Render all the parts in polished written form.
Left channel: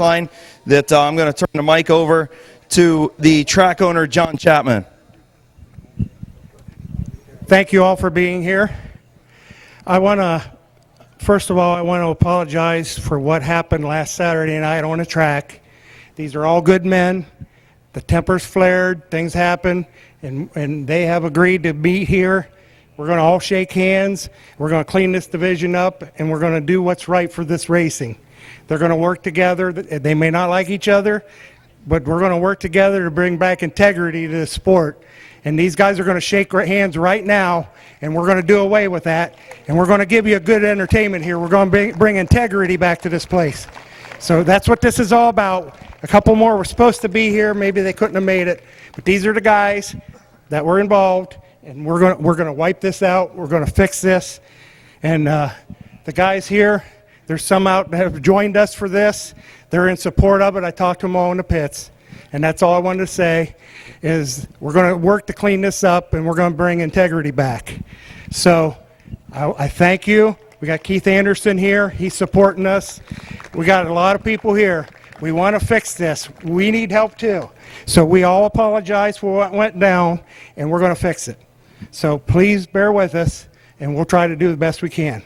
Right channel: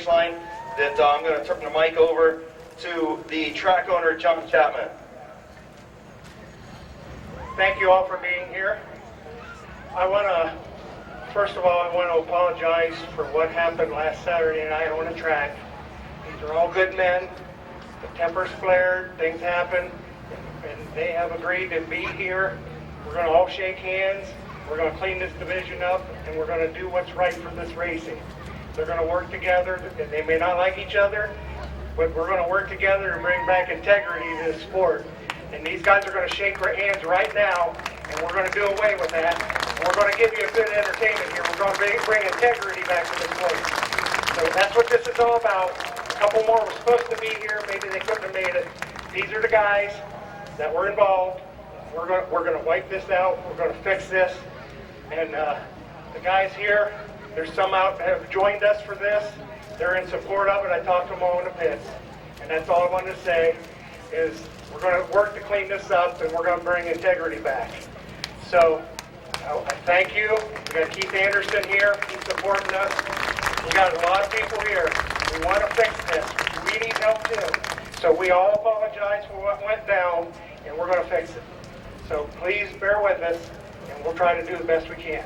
line that I'm going to turn the mic over to the track owner, John Chapman. Thank you all for being here. First of all, I want to apologize for what happened last Saturday night on the track. These are all good men. The tempers flared, things happened, and they have agreed to be here. We're going to all shake hands. We're going to clean this division up, and we're going to do what's right for this racing. They're going to work together. They may not like each other, but we're going to work together to bring back integrity to the sport. And these guys are going to shake hands right now, and we're going to do away with that. And we're going to give you a good entertainment here. We're going to bring integrity back to this place. So that's what this is all about. A couple more were supposed to be here. Maybe they couldn't have made it. But these are the guys that were involved, and we're going to wipe this out. We're going to fix this. And the guys here, there's some out that have joined us for this. They're in support of it. I talked to them all in the pits. And that's all I wanted to say is we're going to work to clean this up, and we're going to bring integrity back. So I thank you. We got Keith Anderson here. He's supporting us. We got a lot of people here. We want to fix this. We need help too. So we all apologize for what went down, and we're going to fix it. So please bear with us, and we'll try to do the best we can.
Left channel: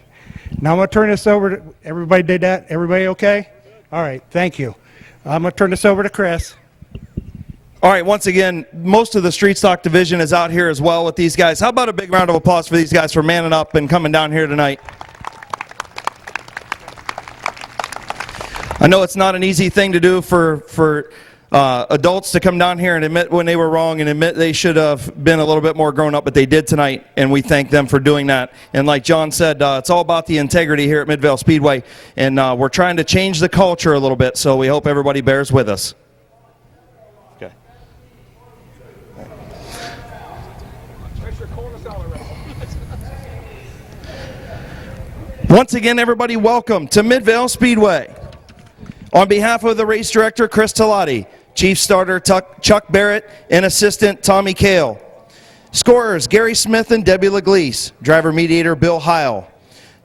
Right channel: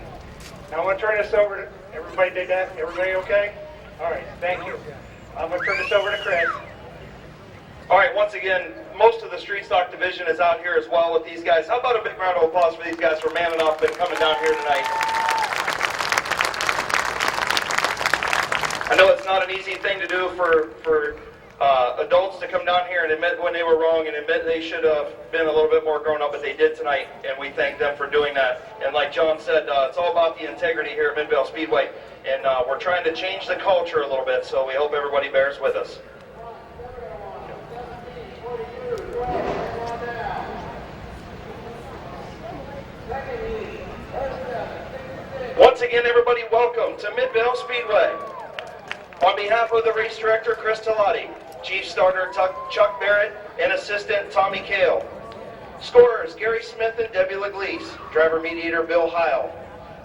Now I'm going to turn this over to, everybody did that? Everybody okay? All right, thank you. I'm going to turn this over to Chris. All right, once again, most of the street stock division is out here as well with these guys. How about a big round of applause for these guys for manning up and coming down here tonight? I know it's not an easy thing to do for adults to come down here and admit when they were wrong and admit they should have been a little bit more grown up, but they did tonight, and we thank them for doing that. And like John said, it's all about the integrity here at Midvale Speedway, and we're trying to change the culture a little bit, so we hope everybody bears with us. Once again, everybody, welcome to Midvale Speedway. On behalf of the race director, Chris Talati, chief starter Chuck Barrett, and assistant Tommy Kale. Scorers, Gary Smith and Debbie Leglise. Driver mediator, Bill Heil.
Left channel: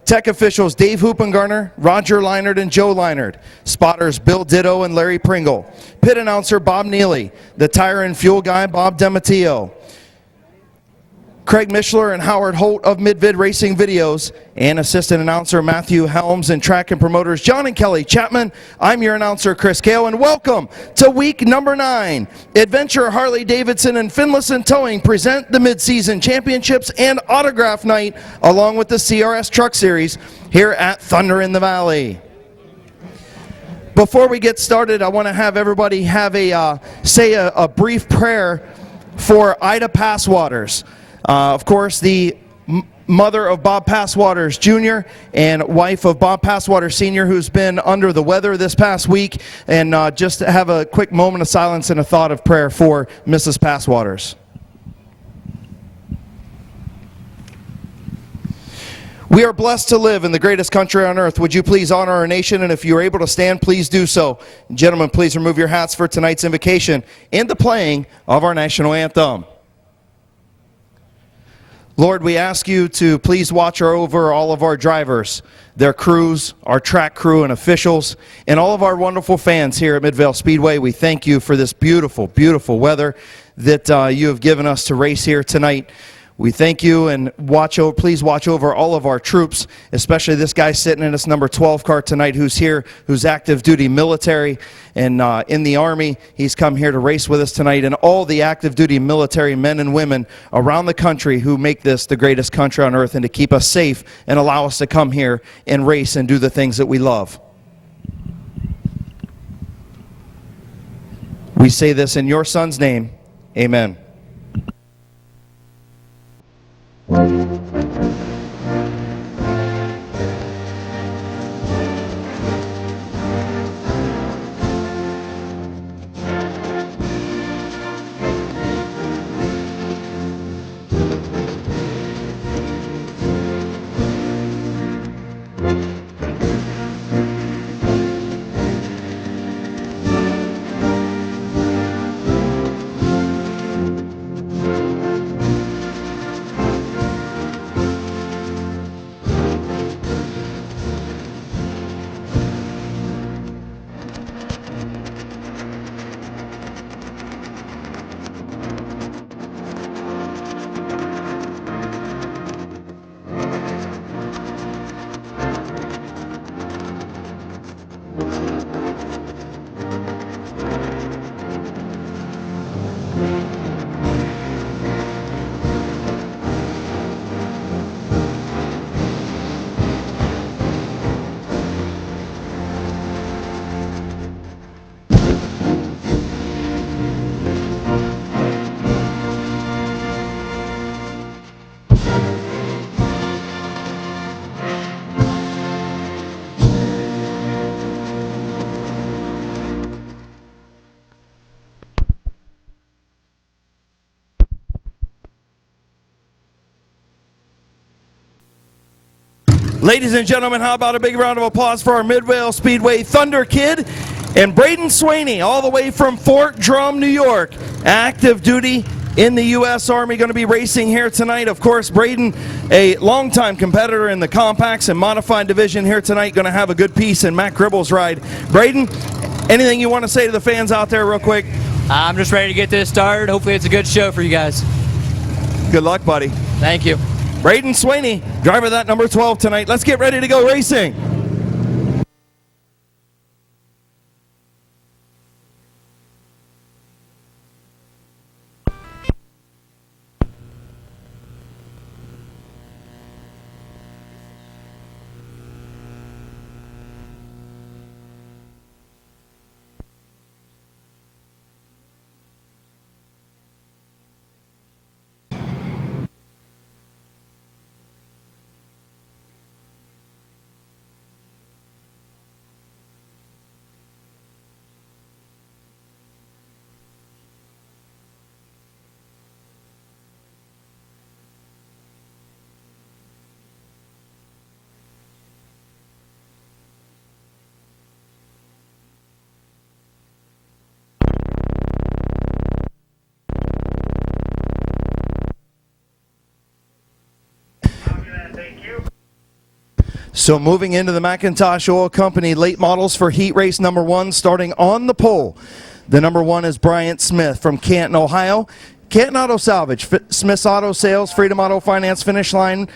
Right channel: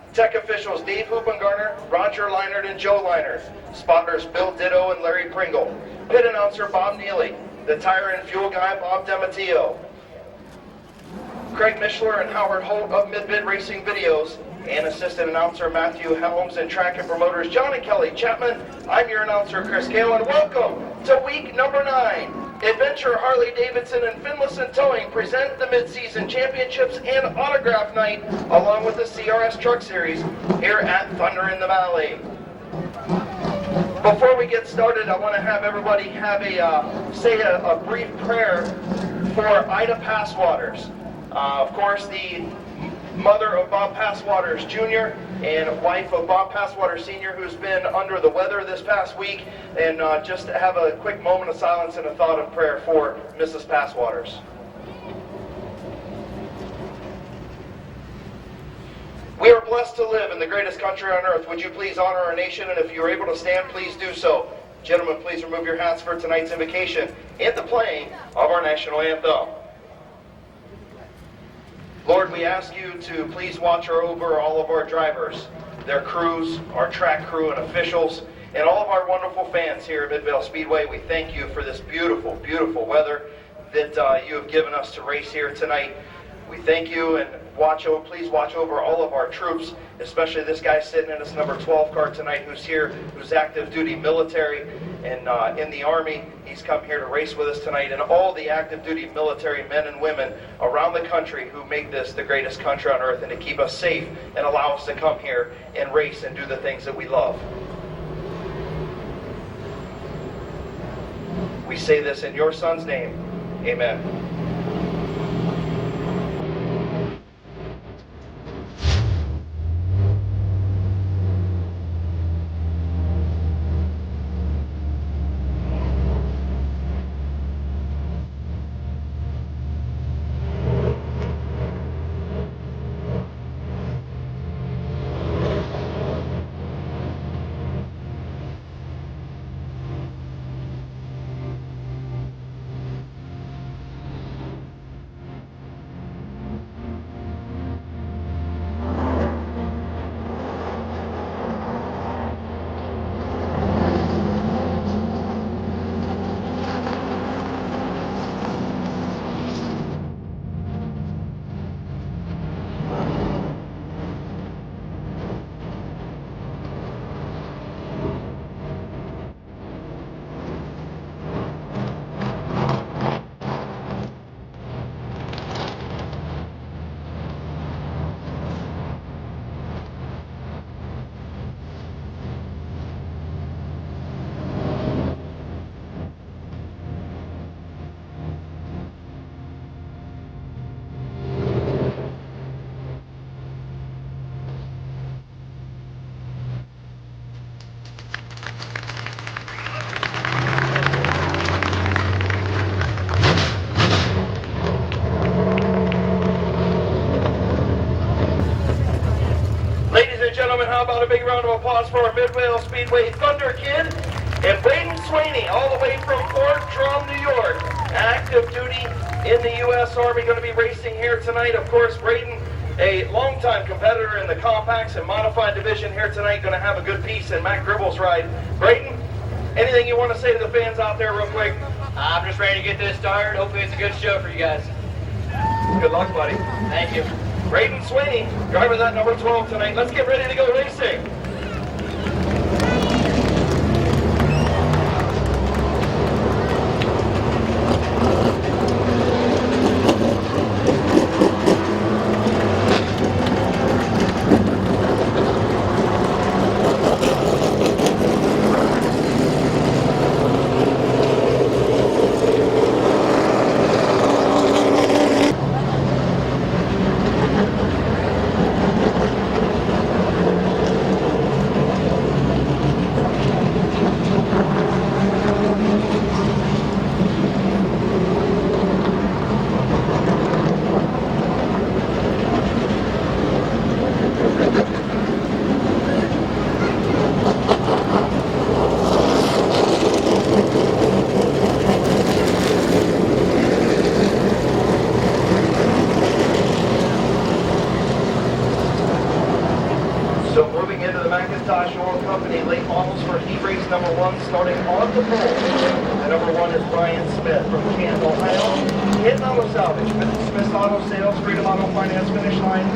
Tech officials, Dave Hoopengarner, Roger Leinert, and Joe Leinert. Spotters, Bill Ditto and Larry Pringle. Pit announcer, Bob Neely. The tire and fuel guy, Bob DeMatteo. Craig Mishler and Howard Holt of Mid-Vid Racing Videos, and assistant announcer Matthew Helms, and track and promoters John and Kelly Chapman. I'm your announcer Chris Kale, and welcome to week number 9. Adventure Harley Davidson and Finlayson Towing present the mid-season championships and autograph night along with the CRS Truck Series here at Thunder in the Valley. Before we get started, I want to have everybody have say a brief prayer for Ida Passwaters. Of course, the mother of Bob Passwaters Jr. and wife of Bob Passwaters Sr., who's been under the weather this past week, and just have a quick moment of silence and a thought of prayer for Mrs. Passwaters. We are blessed to live in the greatest country on earth. Would you please honor our nation, and if you're able to stand, please do so. Gentlemen, please remove your hats for tonight's invocation and the playing of our national anthem. Lord, we ask you to please watch over all of our drivers, their crews, our track crew and officials, and all of our wonderful fans here at Midvale Speedway. We thank you for this beautiful, beautiful weather that you have given us to race here tonight. We thank you, and please watch over all of our troops, especially this guy sitting in this number 12 car tonight who's here, who's active duty military and in the Army. He's come here to race with us tonight, and all the active duty military men and women around the country who make this the greatest country on earth and to keep us safe and allow us to come here and race and do the things that we love. We say this in your son's name. Amen. Ladies and gentlemen, how about a big round of applause for our Midvale Speedway Thunder Kid and Braden Swaney, all the way from Fort Drum, New York. Active duty in the U.S. Army, going to be racing here tonight. Of course, Braden, a longtime competitor in the compacts and modified division here tonight, going to have a good piece in Matt Gribble's ride. Braden, anything you want to say to the fans out there real quick? I'm just ready to get this started. Hopefully it's a good show for you guys. Good luck, buddy. Thank you. Braden Swaney, driver of that number 12 tonight. Let's get ready to go racing. So moving into the McIntosh Oil Company late models for heat race number 1, starting on the pole. The number 1 is Bryant Smith from Canton, Ohio. Canton Auto Salvage, Smith's Auto Sales, Freedom Auto Finance, Finish Line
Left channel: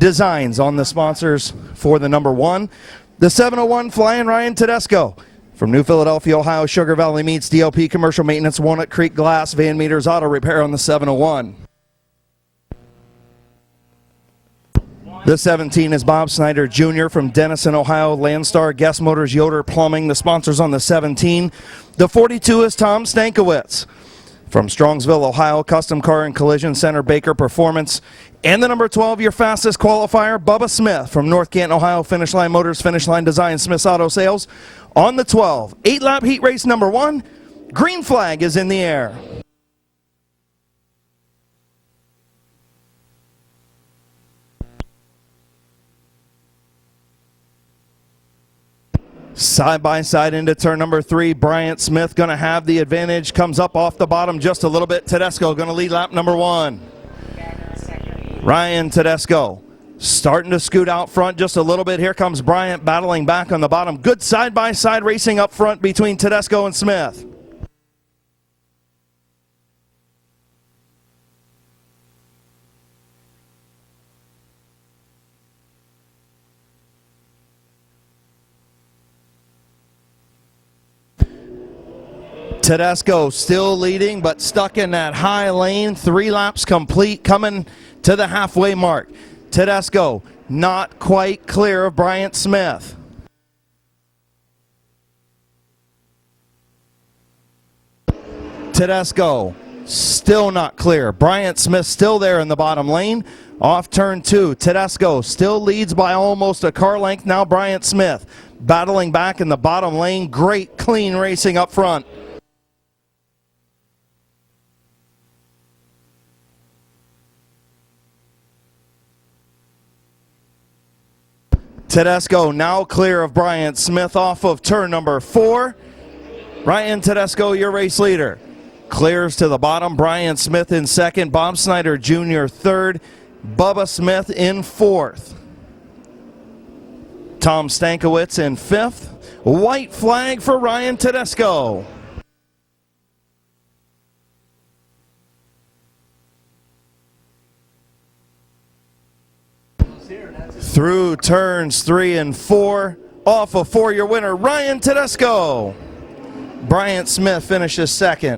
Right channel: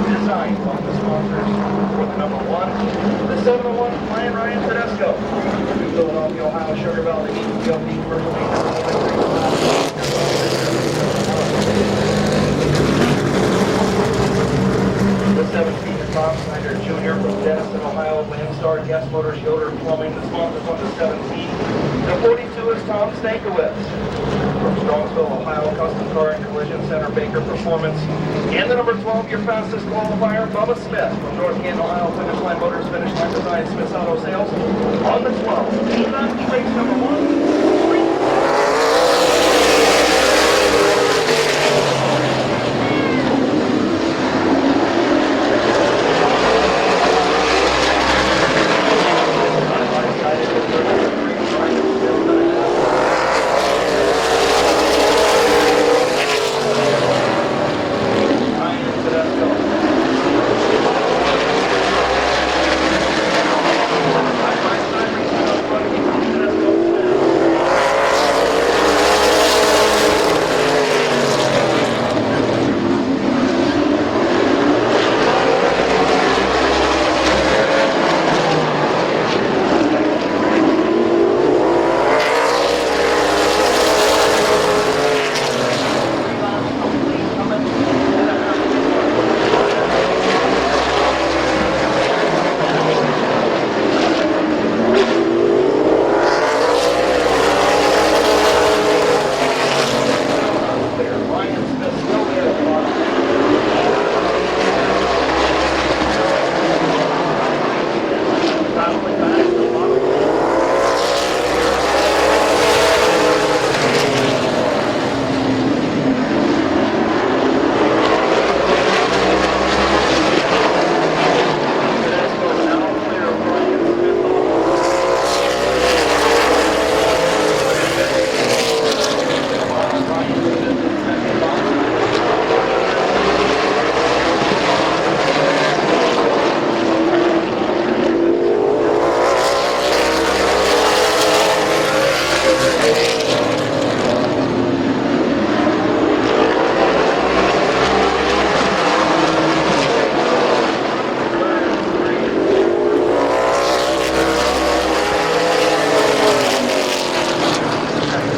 Designs on the sponsors for the number 1. The 701 Flying Ryan Tedesco from New Philadelphia, Ohio. Sugar Valley Meats, DLP Commercial Maintenance, Walnut Creek Glass, Van Meters Auto Repair on the 701. The 17 is Bob Snyder Jr. from Denison, Ohio. Landstar, Guest Motors, Yoder Plumbing, the sponsors on the 17. The 42 is Tom Stankiewicz from Strongsville, Ohio. Custom Car and Collision Center, Baker Performance. And the number 12, your fastest qualifier, Bubba Smith from North Canton, Ohio. Finish Line Motors, Finish Line Design, Smith's Auto Sales. On the 12, 8-lap heat race number 1. Green flag is in the air. Side by side into turn number 3. Bryant Smith going to have the advantage. Comes up off the bottom just a little bit. Tedesco going to lead lap number 1. Ryan Tedesco starting to scoot out front just a little bit. Here comes Bryant battling back on the bottom. Good side by side racing up front between Tedesco and Smith. Tedesco still leading, but stuck in that high lane. 3 laps complete, coming to the halfway mark. Tedesco not quite clear of Bryant Smith. Tedesco still not clear. Bryant Smith still there in the bottom lane. Off turn 2, Tedesco still leads by almost a car length. Now Bryant Smith battling back in the bottom lane. Great clean racing up front. Tedesco now clear of Bryant Smith off of turn number 4. Ryan Tedesco, your race leader. Clears to the bottom. Bryant Smith in second. Bob Snyder Jr. third. Bubba Smith in fourth. Tom Stankiewicz in fifth. White flag for Ryan Tedesco. Turns 3 and 4, off of 4, your winner, Ryan Tedesco. Bryant Smith finishes second.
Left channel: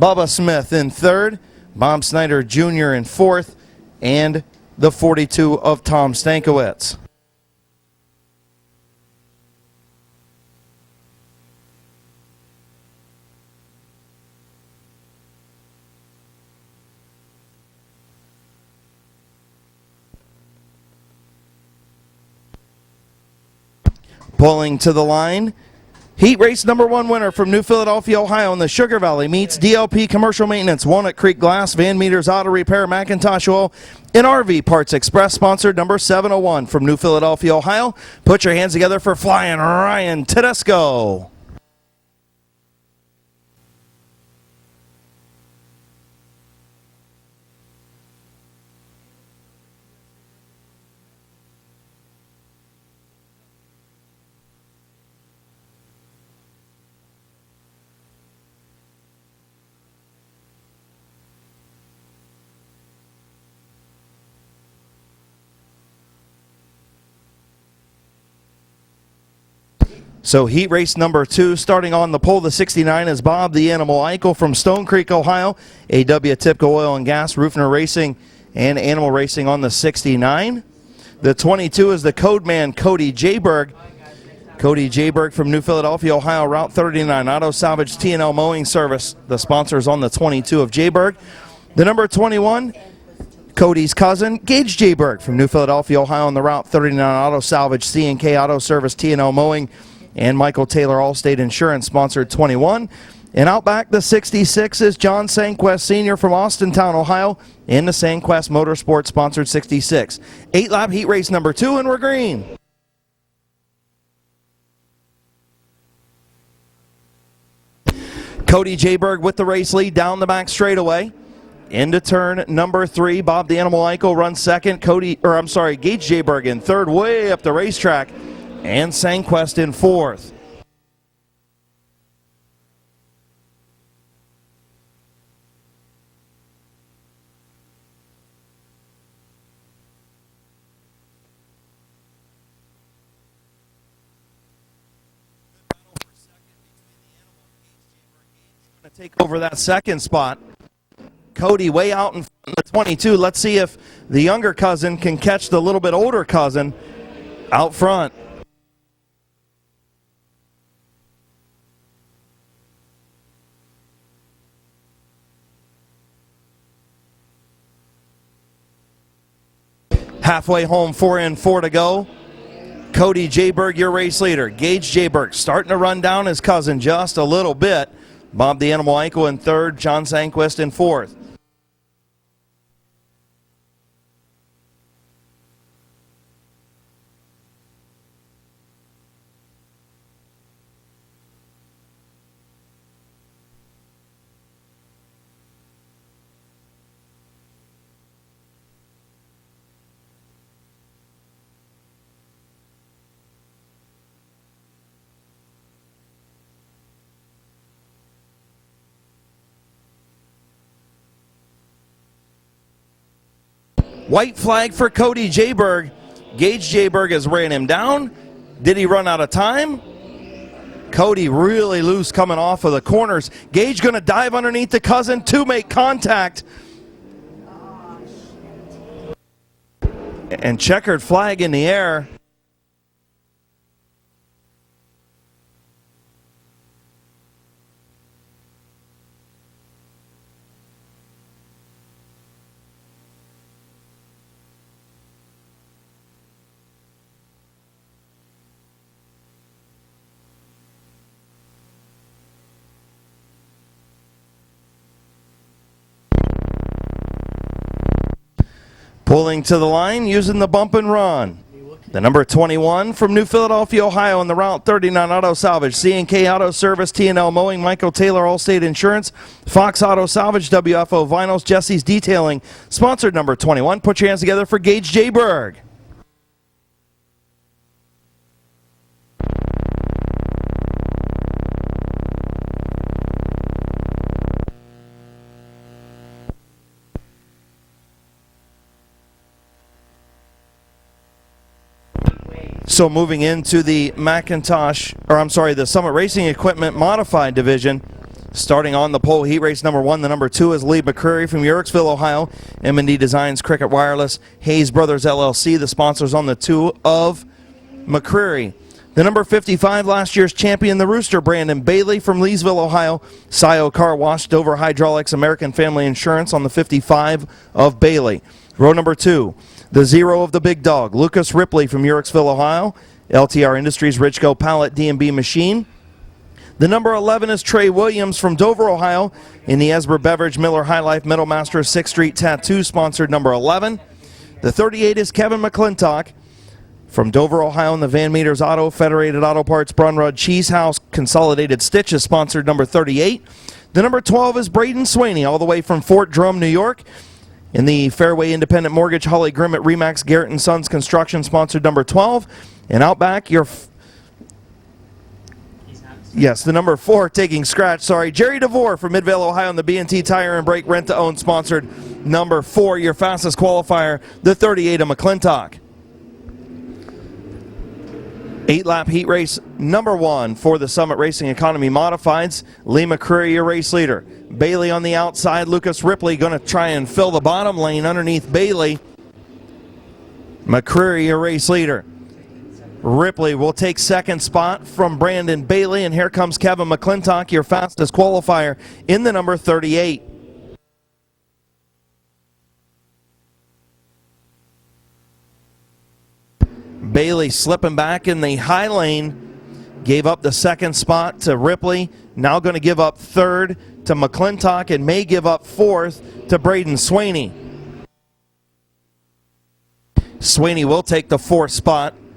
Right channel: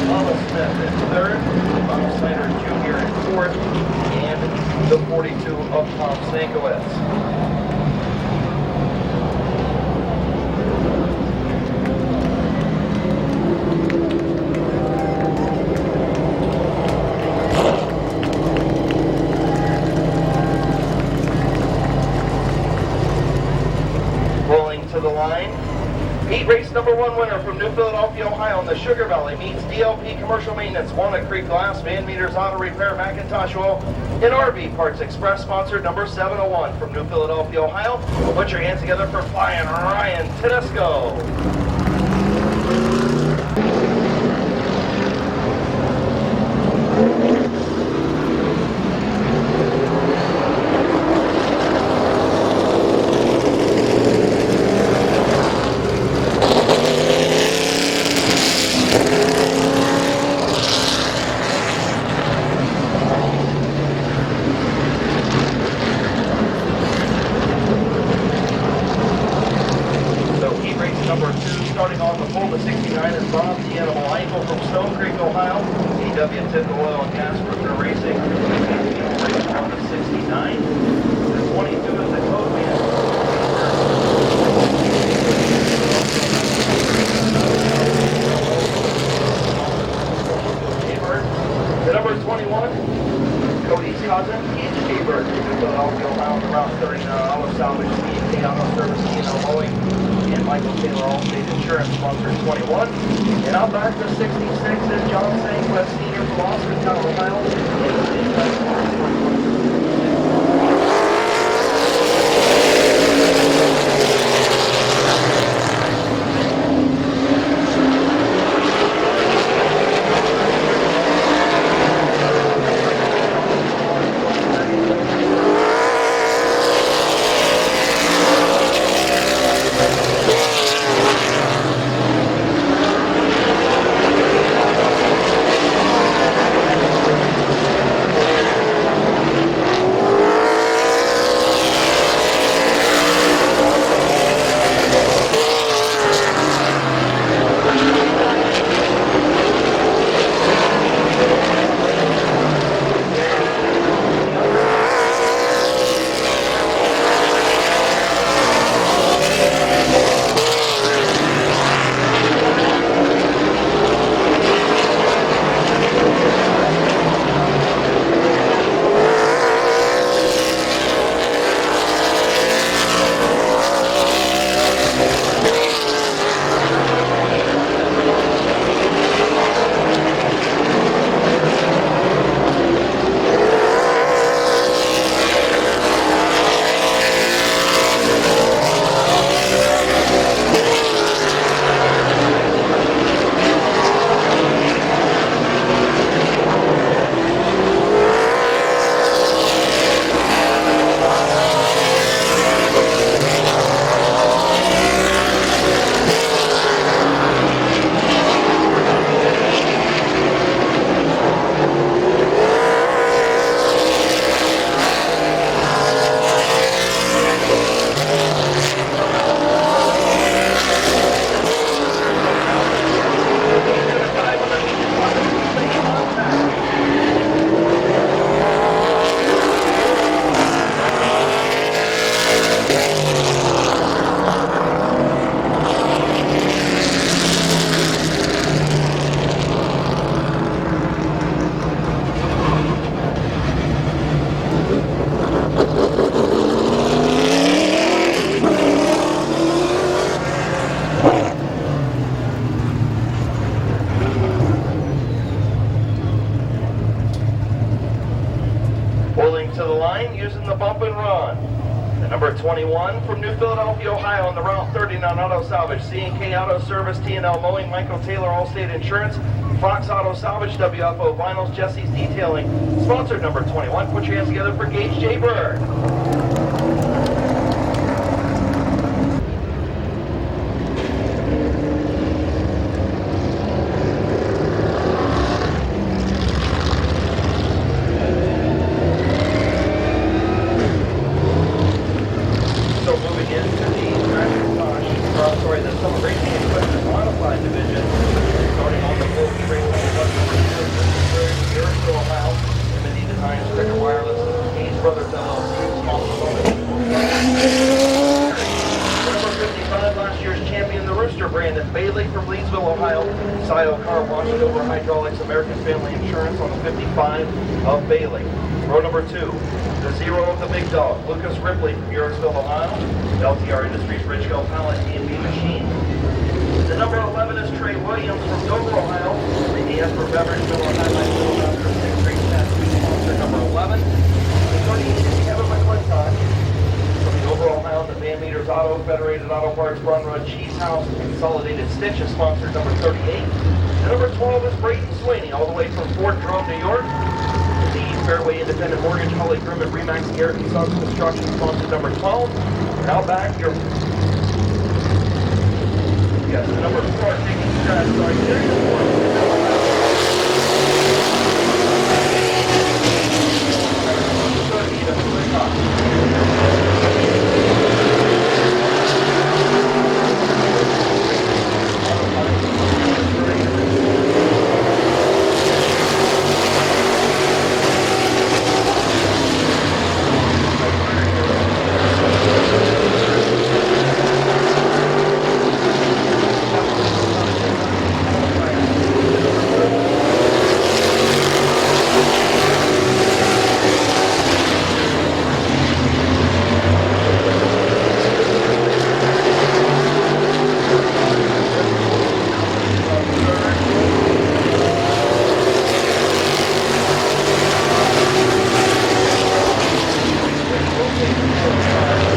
Bubba Smith in third. Bob Snyder Jr. in fourth. And the 42 of Tom Stankiewicz. Pulling to the line, Heat race number 1 winner from New Philadelphia, Ohio in the Sugar Valley meets DLP Commercial Maintenance, Walnut Creek Glass, Van Meters Auto Repair, Macintosh Oil, and RV Parts Express, sponsored number 701 from New Philadelphia, Ohio. Put your hands together for Flying Ryan Tedesco. So heat race number 2, starting on the pole, the 69 is Bob the Animal Eichel from Stone Creek, Ohio. AW Tipco Oil and Gas, Roofner Racing, and Animal Racing on the 69. The 22 is the Code Man, Cody Jayberg. Cody Jayberg from New Philadelphia, Ohio, Route 39, Auto Salvage T&L Mowing Service. The sponsors on the 22 of Jayberg. The number 21, Cody's cousin, Gage Jayberg from New Philadelphia, Ohio, on the Route 39 Auto Salvage C&K Auto Service T&L Mowing, and Michael Taylor Allstate Insurance, sponsored 21. And out back, the 66 is John Sanquest Sr. from Austintown, Ohio, in the Sanquest Motorsports, sponsored 66. 8-lap heat race number 2, and we're green. Cody Jayberg with the race lead down the back straightaway. Into turn number 3, Bob the Animal Eichel runs second. Gage Jayberg in third, way up the racetrack. And Sanquest in fourth. Second spot. Cody way out the 22. Let's see if the younger cousin can catch the little bit older cousin out front. Halfway home, 4 and 4 to go. Cody Jayberg, your race leader. Gage Jayberg starting to run down his cousin just a little bit. Bob the Animal Eichel in third, John Sanquest in fourth. White flag for Cody Jayberg. Gage Jayberg is bringing down. Did he run out of time? Cody really loose coming off of the corners. Gage going to dive underneath the cousin to make contact. And checkered flag in the air. Pulling to the line, using the bump and run. The number 21 from New Philadelphia, Ohio, on the Route 39 Auto Salvage, C&K Auto Service, T&L Mowing, Michael Taylor Allstate Insurance, Fox Auto Salvage, WFO Vinyls, Jesse's Detailing, sponsored number 21. Put your hands together for Gage Jayberg. So moving into the the Summit Racing Equipment Modified Division, starting on the pole, heat race number 1. The number 2 is Lee McCreary from Yorksville, Ohio. M&D Designs, Cricket Wireless, Hayes Brothers LLC, the sponsors on the 2 of McCreary. The number 55, last year's champion, the Rooster, Brandon Bailey from Leesville, Ohio. Scio Car Wash, Dover Hydraulics, American Family Insurance on the 55 of Bailey. Row number 2. The 0 of the big dog, Lucas Ripley from Yorksville, Ohio. LTR Industries, Richco Pallet, D&B Machine. The number 11 is Trey Williams from Dover, Ohio, in the Esber Beverage Miller Highlight Metal Master 6th Street Tattoo, sponsored number 11. The 38 is Kevin McClintock from Dover, Ohio, in the Van Meters Auto, Federated Auto Parts, Brunrud Cheese House, Consolidated Stitches, sponsored number 38. The number 12 is Braden Sweeney, all the way from Fort Drum, New York, in the Fairway Independent Mortgage, Holly Grimmett Remax Garrett & Sons Construction, sponsored number 12. And out back, the number 4 taking scratch, Jerry DeVore from Midvale, Ohio, the B&T Tire and Brake Rent to Own, sponsored number 4, your fastest qualifier, the 38 of McClintock. 8-lap heat race number 1 for the Summit Racing Economy Modifieds. Lee McCreary, your race leader. Bailey on the outside. Lucas Ripley going to try and fill the bottom lane underneath Bailey. McCreary, your race leader. Ripley will take second spot from Brandon Bailey, and here comes Kevin McClintock, your fastest qualifier, in the number 38. Bailey slipping back in the high lane, gave up the second spot to Ripley, now going to give up third to McClintock, and may give up fourth to Braden Sweeney. Sweeney will take the 4th spot.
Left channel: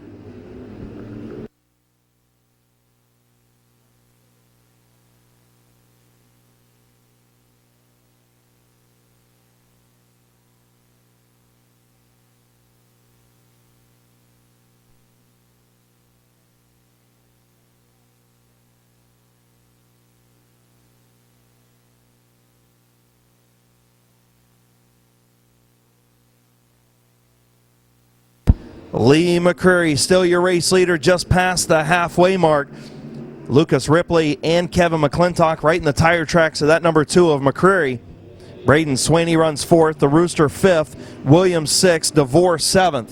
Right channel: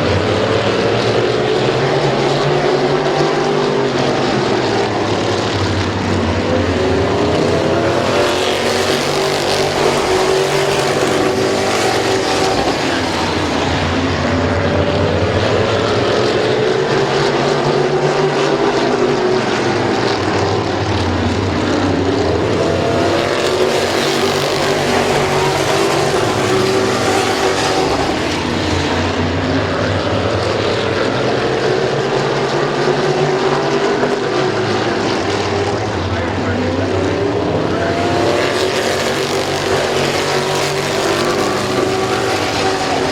McCreary, still your race leader, just past the halfway mark. Lucas Ripley and Kevin McClintock right in the tire tracks of that number 2 of McCreary. Braden Sweeney runs 4th, the Rooster 5th, Williams 6th, DeVore 7th.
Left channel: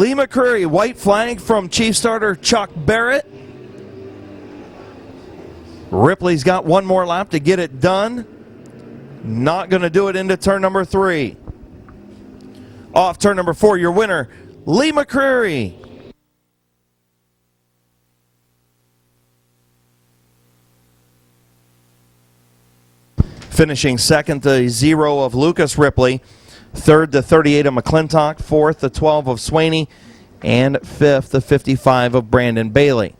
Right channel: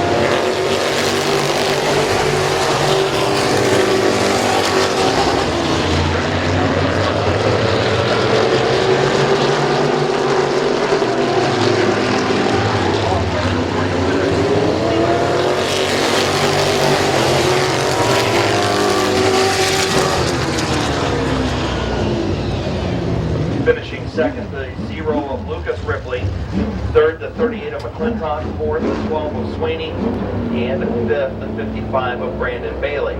Lee McCreary, white flag from Chief Starter Chuck Barrett. Ripley's got one more lap to get it done. Not going to do it into turn number 3. Off turn number 4, your winner, Lee McCreary. Finishing second, the 0 of Lucas Ripley. Third, the 38 of McClintock. Fourth, the 12 of Sweeney. And fifth, the 55 of Brandon Bailey.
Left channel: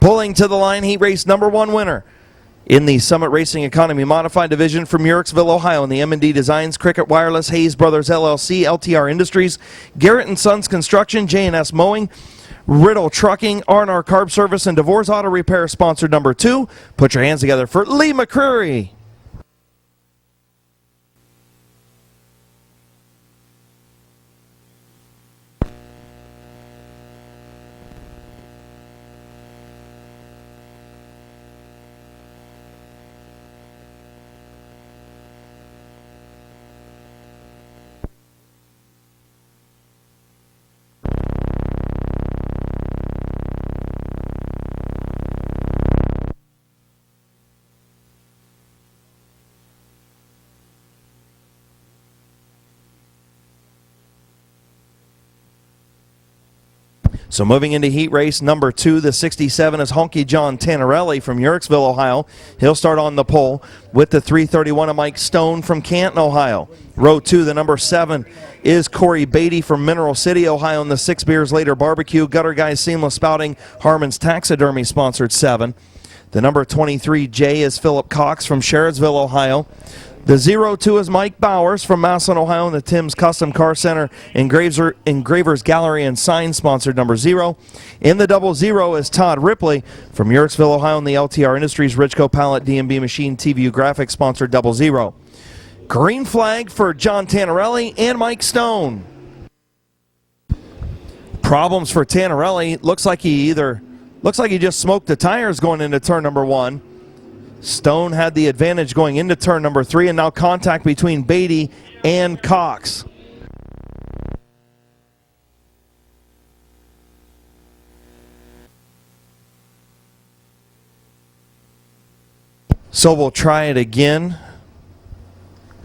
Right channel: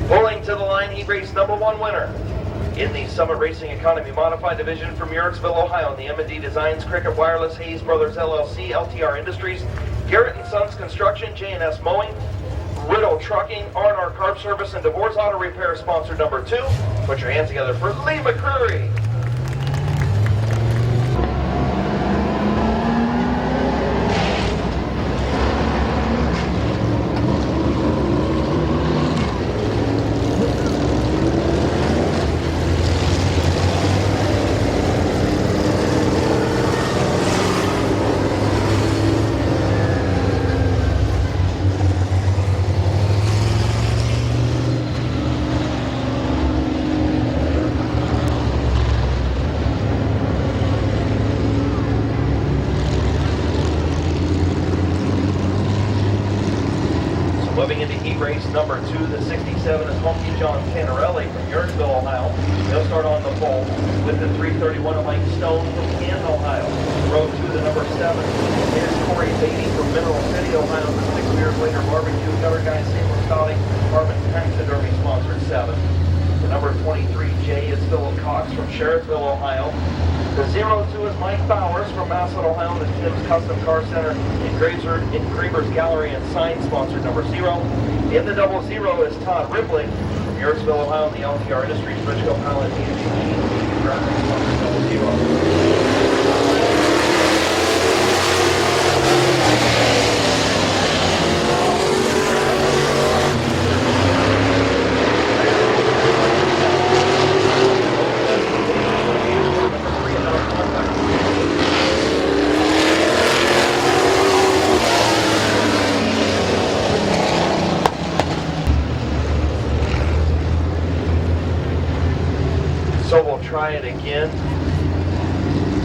Pulling to the line, heat race number 1 winner in the Summit Racing Economy Modified Division from Muirksville, Ohio, in the M&D Designs, Cricket Wireless, Hayes Brothers LLC, LTR Industries, Garrett & Sons Construction, J&S Mowing, Riddle Trucking, R&R Carb Service, and DeVore's Auto Repair, sponsored number 2. Put your hands together for Lee McCreary. So moving into heat race number 2, the 67 is Honky John Tannerelli from Yurtsville, Ohio. He'll start on the pole with the 331 of Mike Stone from Canton, Ohio. Row 2, the number 7 is Corey Beatty from Mineral City, Ohio, in the 6 Beers Later Barbecue. Gutter Guys Seamless Spouting, Harmon's Taxidermy, sponsored 7. The number 23 J is Philip Cox from Sherridsville, Ohio. The 02 is Mike Bowers from Massillon, Ohio, in the Tim's Custom Car Center, Engravers Gallery and Sign, sponsored number 0. In the 00 is Todd Ripley from Yurtsville, Ohio, in the LTR Industries, Richco Pallet, D&B Machine, TVU Graphics, sponsored 00. Green flag for John Tannerelli and Mike Stone. Problems for Tannerelli. Looks like he just smoked the tires going into turn number 1. Stone had the advantage going into turn number 3, and now contact between Beatty and Cox. So we'll try it again.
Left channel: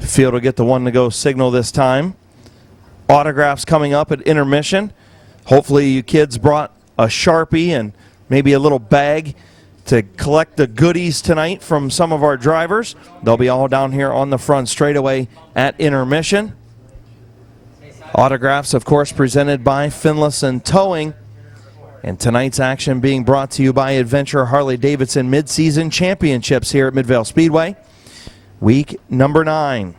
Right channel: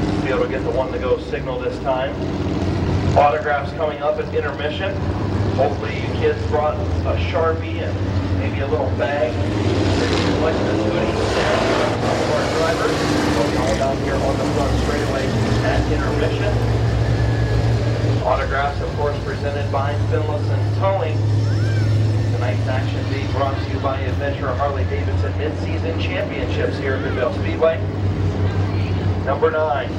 Field will get the one to go signal this time. Autographs coming up at intermission. Hopefully you kids brought a Sharpie and maybe a little bag to collect the goodies tonight from some of our drivers. They'll be all down here on the front straightaway at intermission. Autographs, of course, presented by Finlayson Towing. And tonight's action being brought to you by Adventure Harley-Davidson Mid-Season Championships here at Midvale Speedway. Week number 9.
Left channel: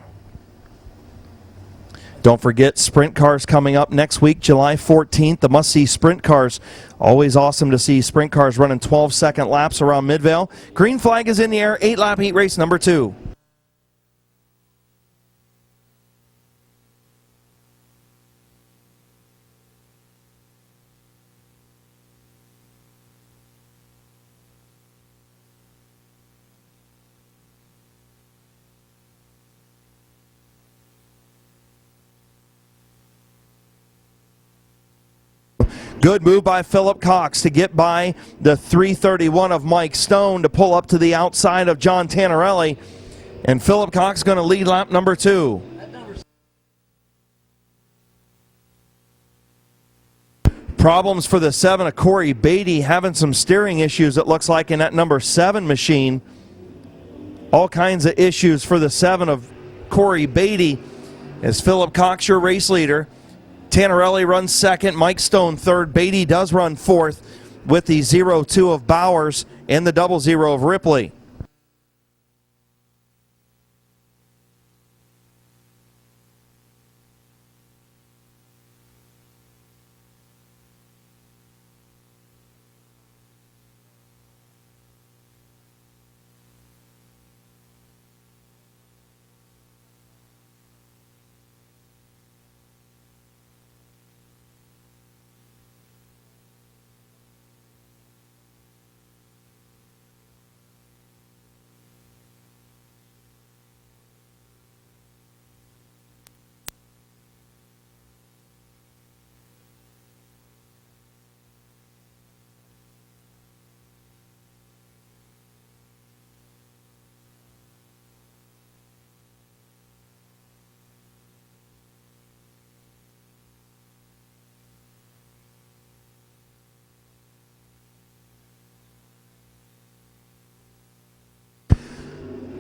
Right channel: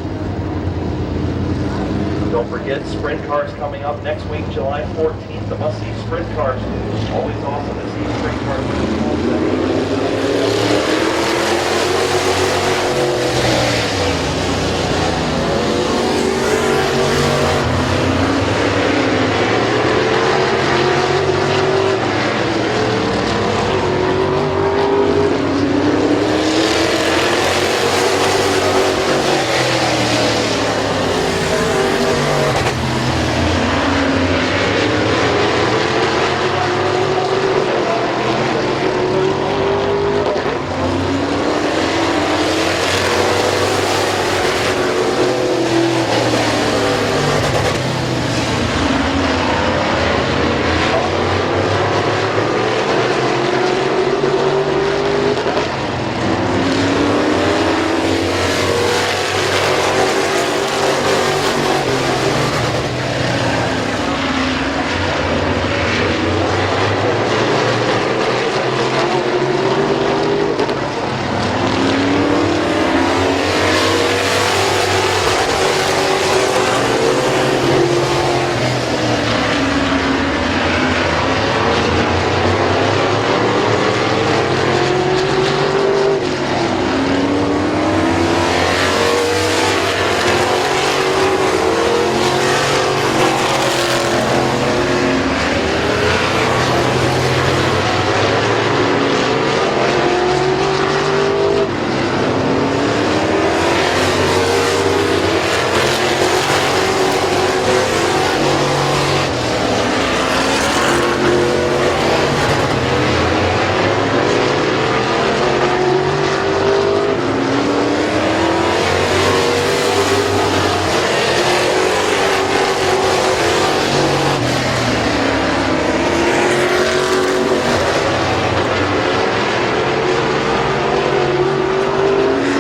Don't forget, sprint cars coming up next week, July 14th. The must-see sprint cars. Always awesome to see sprint cars running 12-second laps around Midvale. Green flag is in the air, 8-lap heat race number 2. Good move by Philip Cox to get by the 331 of Mike Stone to pull up to the outside of John Tannerelli. And Philip Cox going to lead lap number 2. Problems for the 7 of Corey Beatty, having some steering issues, it looks like, in that number 7 machine. All kinds of issues for the 7 of Corey Beatty. Is Philip Cox your race leader? Tannerelli runs second, Mike Stone third, Beatty does run fourth with the 0-2 of Bowers and the 0-0 of Ripley.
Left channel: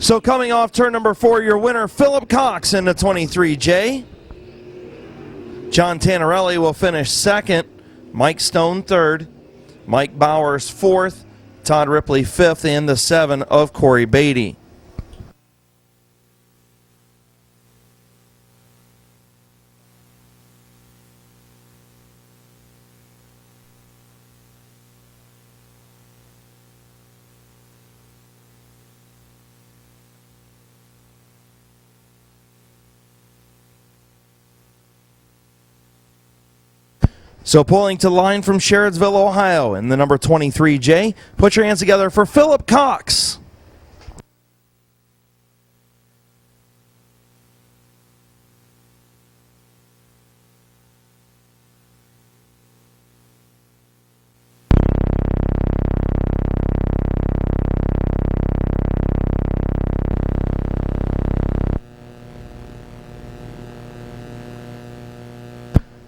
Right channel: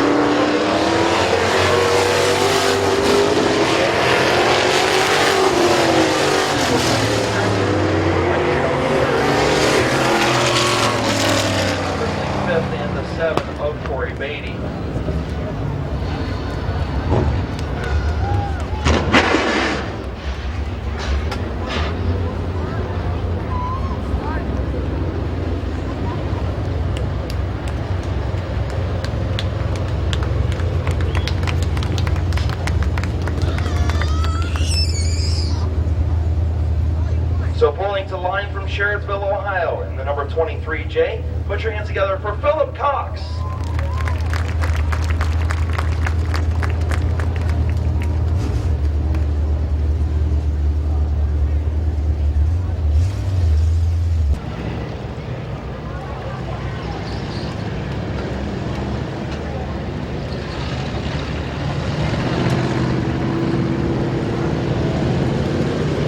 So coming off turn number 4, your winner, Philip Cox in the 23J. John Tannerelli will finish second. Mike Stone third. Mike Bowers fourth. Todd Ripley fifth, and the 7 of Corey Beatty. So pulling to line from Sherridsville, Ohio, in the number 23J. Put your hands together for Philip Cox.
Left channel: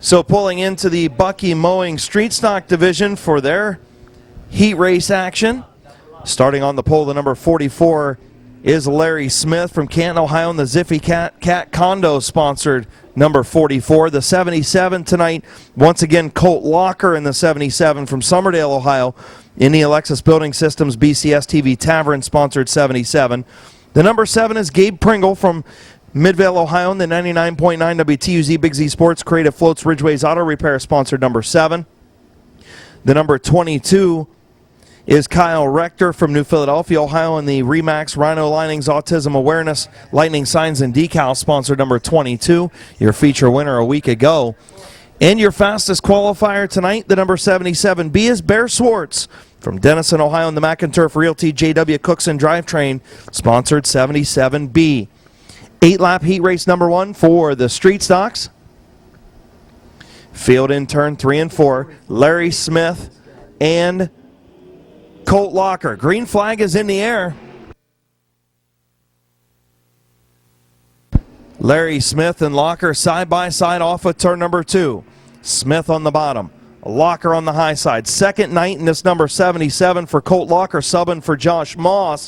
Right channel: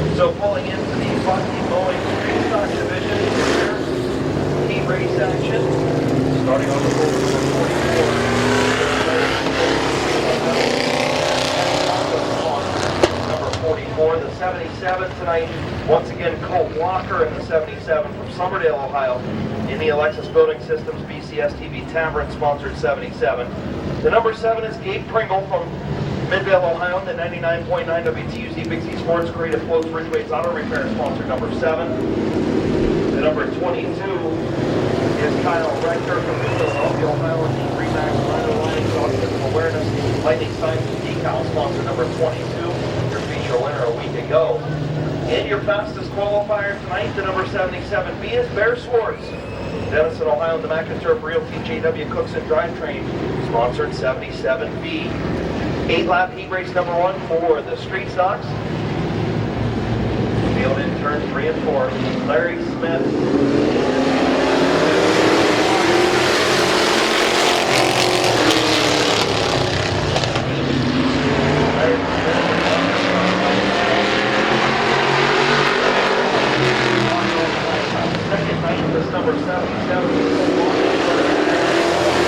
So pulling into the Bucky Mowing Street Stock Division for their heat race action. Starting on the pole, the number 44 is Larry Smith from Canton, Ohio, and the Zippy Cat Condo sponsored number 44. The 77 tonight, once again, Colt Locker in the 77 from Somerdale, Ohio, in the Alexis Building Systems BCS TV Tavern sponsored 77. The number 7 is Gabe Pringle from Midvale, Ohio, in the 99.9 WTUZ Big Z Sports Creative Floats Ridgeway's Auto Repair sponsored number 7. The number 22 is Kyle Rector from New Philadelphia, Ohio, in the Remax Rhino Linings Autism Awareness Lightning Signs and Decals sponsored number 22, your feature winner a week ago. And your fastest qualifier tonight, the number 77B, is Bear Swartz From Denison, Ohio, and the McInturf Realty JW Cookson Drivetrain, sponsored 77B. 8-lap heat race number 1 for the street stocks. Field in turn 3 and 4. Larry Smith and Colt Walker. Green flag is in the air. Larry Smith and Locker side by side off of turn number 2. Smith on the bottom, Locker on the high side. Second night in this number 77 for Colt Locker, subbing for Josh Moss.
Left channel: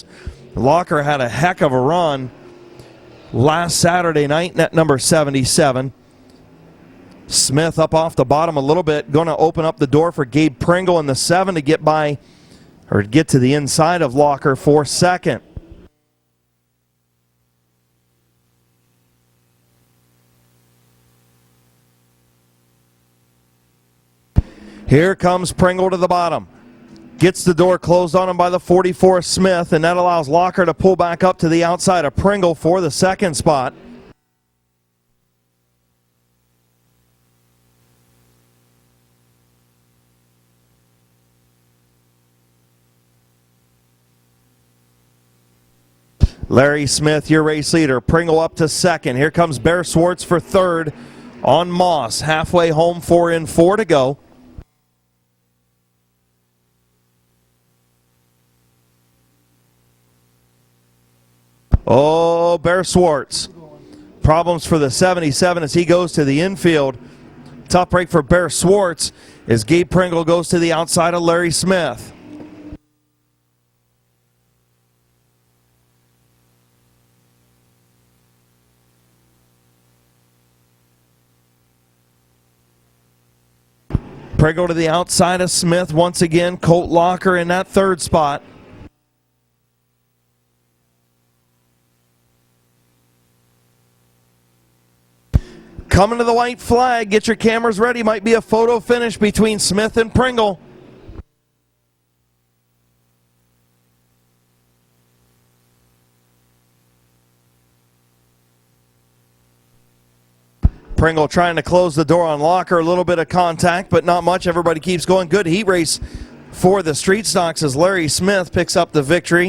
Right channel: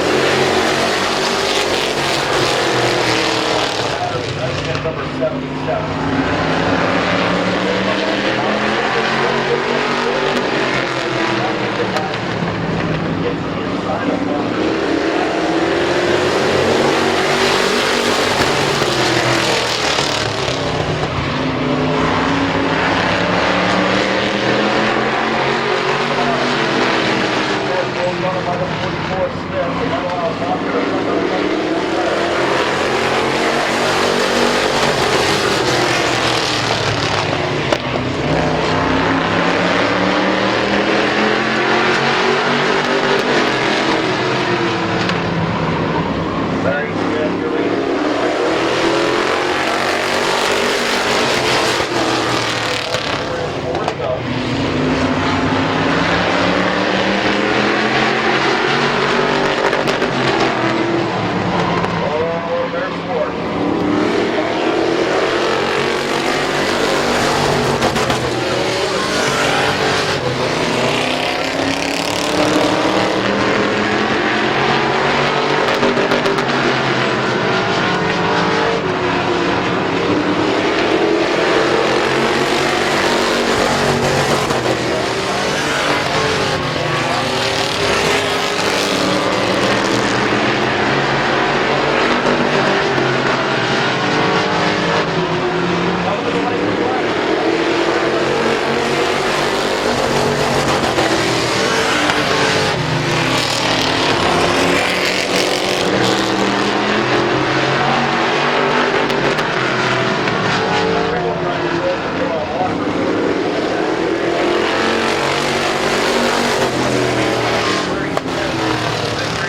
Locker had a heck of a run last Saturday night at number 77. Smith up off the bottom a little bit, going to open up the door for Gabe Pringle in the 7 to get by, or get to the inside of Locker for second. Here comes Pringle to the bottom. Gets the door closed on by the 44 Smith, and that allows Locker to pull back up to the outside of Pringle for the second spot. Larry Smith, your race leader. Pringle up to second. Here comes Bear Schwartz for third on Moss. Halfway home, 4 and 4 to go. Oh, Bear Schwartz. Problems for the 77 as he goes to the infield. Top break for Bear Schwartz as Gabe Pringle goes to the outside of Larry Smith. Pringle to the outside of Smith once again. Colt Locker in that third spot. Coming to the white flag. Get your cameras ready. Might be a photo finish between Smith and Pringle. Pringle trying to close the door on Locker. A little bit of contact, but not much. Everybody keeps going. Good heat race for the street stocks as Larry Smith picks up the victory.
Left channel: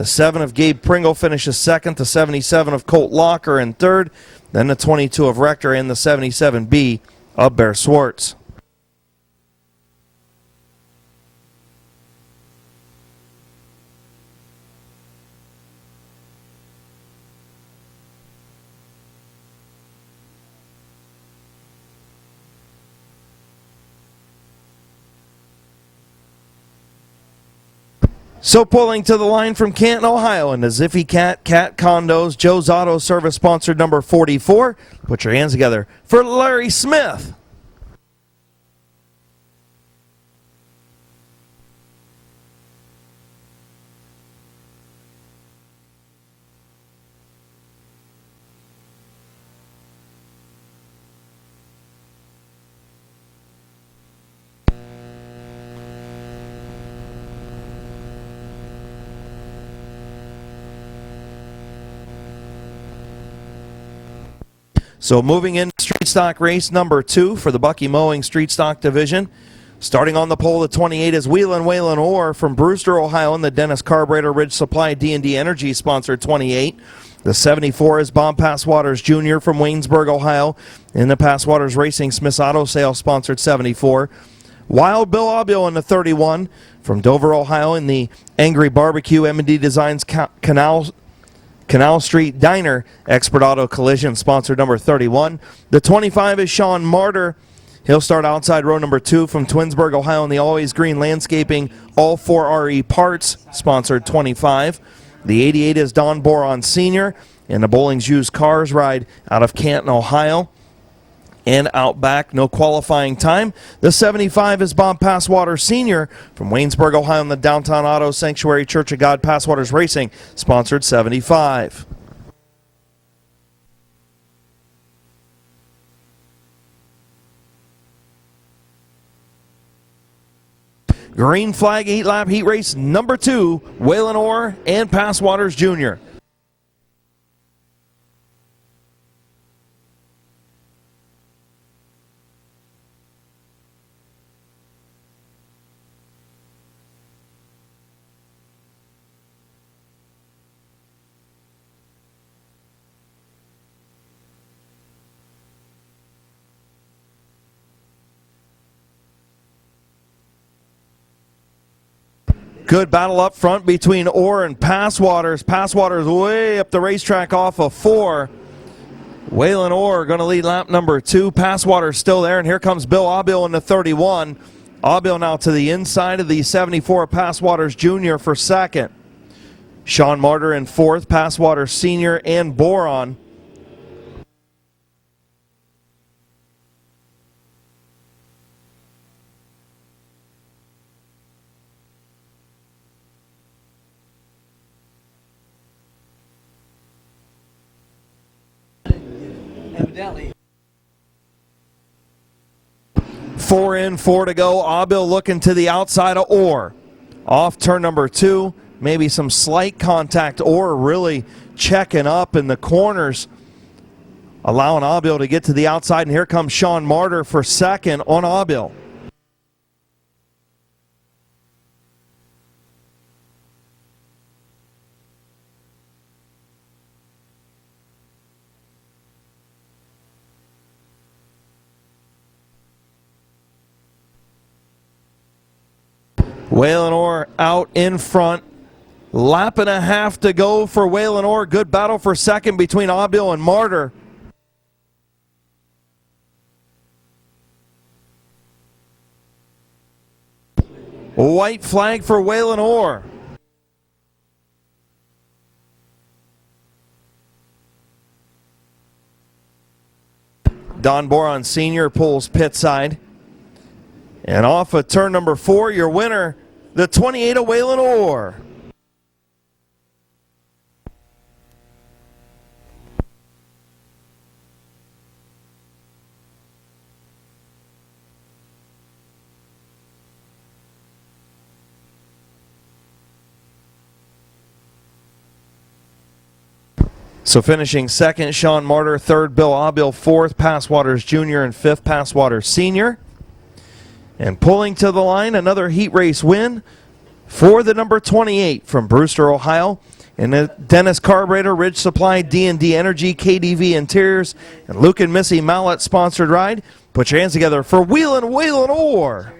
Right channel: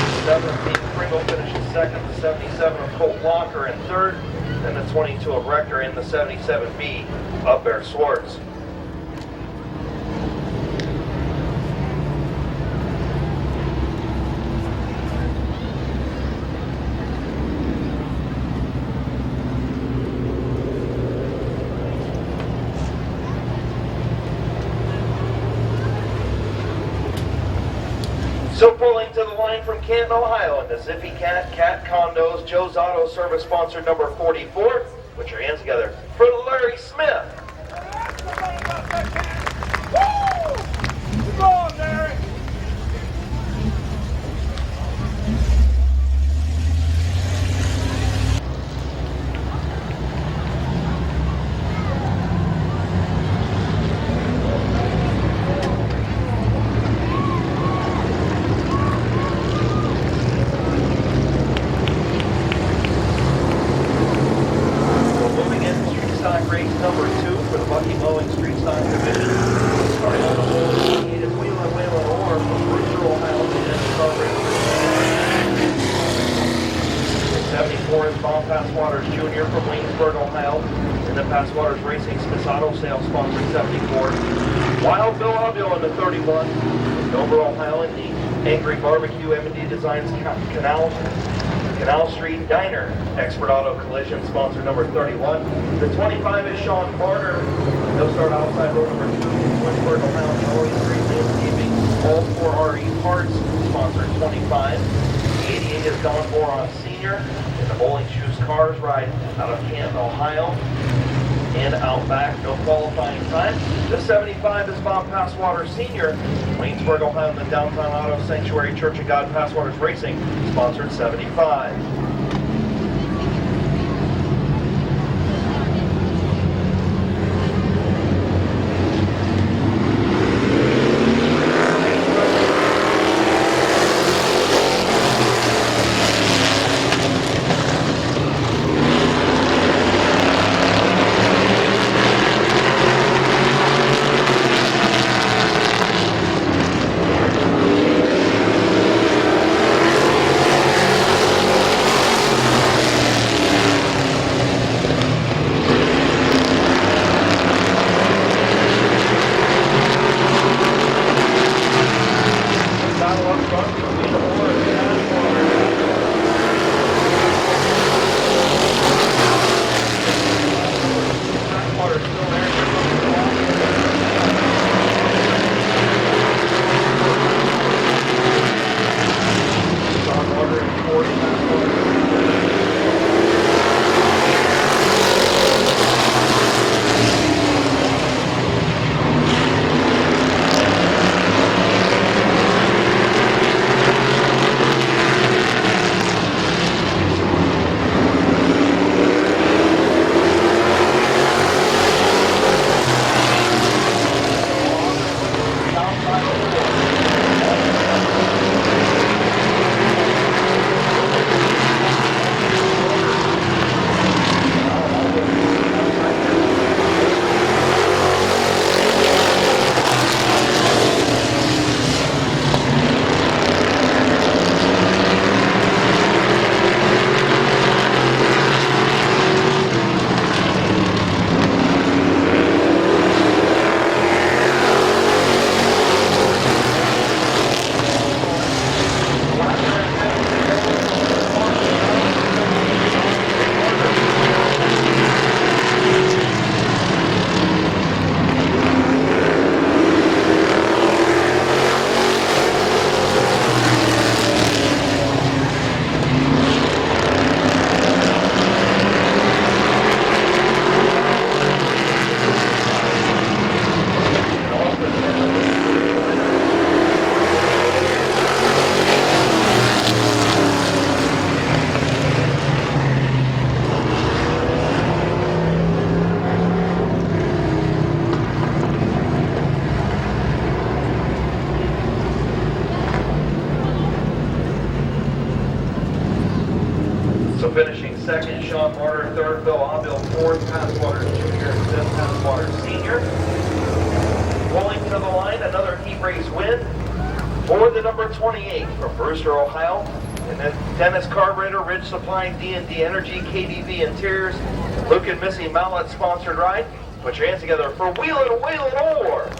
The 7 of Gabe Pringle finishes second. The 77 of Colt Locker in third. Then the 22 of Rector and the 77B of Bear Schwartz. So pulling to the line from Canton, Ohio, and the Ziffy Cat Condos, Joe's Auto Service sponsored number 44. Put your hands together for Larry Smith. So moving in street stock race number 2 for the Bucky Mowing Street Stock Division. Starting on the pole at 28 is Wheelin' Waylon Orr from Brewster, Ohio, and the Dennis Carburetor Rich Supply D&D Energy sponsored 28. The 74 is Bob Passwaters Jr. from Waynesburg, Ohio, in the Passwaters Racing Smith's Auto Sales sponsored 74. Wild Bill Obio in the 31 from Dover, Ohio, in the Angry Barbecue M&D Designs Canal Street Diner Expert Auto Collision sponsored number 31. The 25 is Sean Martyr. He'll start outside row number 2 from Twinsburg, Ohio, in the Always Green Landscaping All 4 RE Parts sponsored 25. The 88 is Don Boron Sr. and the Bowling's Used Cars ride out of Canton, Ohio, and Outback. No qualifying time. The 75 is Bob Passwater Sr. from Waynesburg, Ohio, in the Downtown Auto Sanctuary Church of God Passwaters Racing sponsored 75. Green flag 8-lap heat race number 2, Waylon Orr and Passwaters Jr. Good battle up front between Orr and Passwaters. Passwaters way up the racetrack off of 4. Waylon Orr going to lead lap number 2. Passwaters still there, and here comes Bill Aubil in the 31. Aubil now to the inside of the 74. Passwaters Jr. for second. Sean Martyr in 4th. Passwaters Sr. and Boron. Four to go. Aubil looking to the outside of Orr. Off turn number 2. Maybe some slight contact. Orr really checking up in the corners, allowing Aubil to get to the outside. And here comes Sean Martyr for second on Aubil. Waylon Orr out in front. Lap and a half to go for Waylon Orr. Good battle for second between Aubil and Martyr. White flag for Waylon Orr. Don Boron Sr. pulls pit side. And off of turn number 4, your winner, the 28 of Waylon Orr. So finishing second, Sean Martyr. Third, Bill Aubil. 4th, Passwaters Jr. and 5th, Passwaters Sr. And pulling to the line, another heat race win for the number 28 from Brewster, Ohio. And then Dennis Carburetor, Ridge Supply, D&D Energy, KDV Interiors, Luke and Missy Mallet sponsored ride. Put your hands together for Waylon Orr.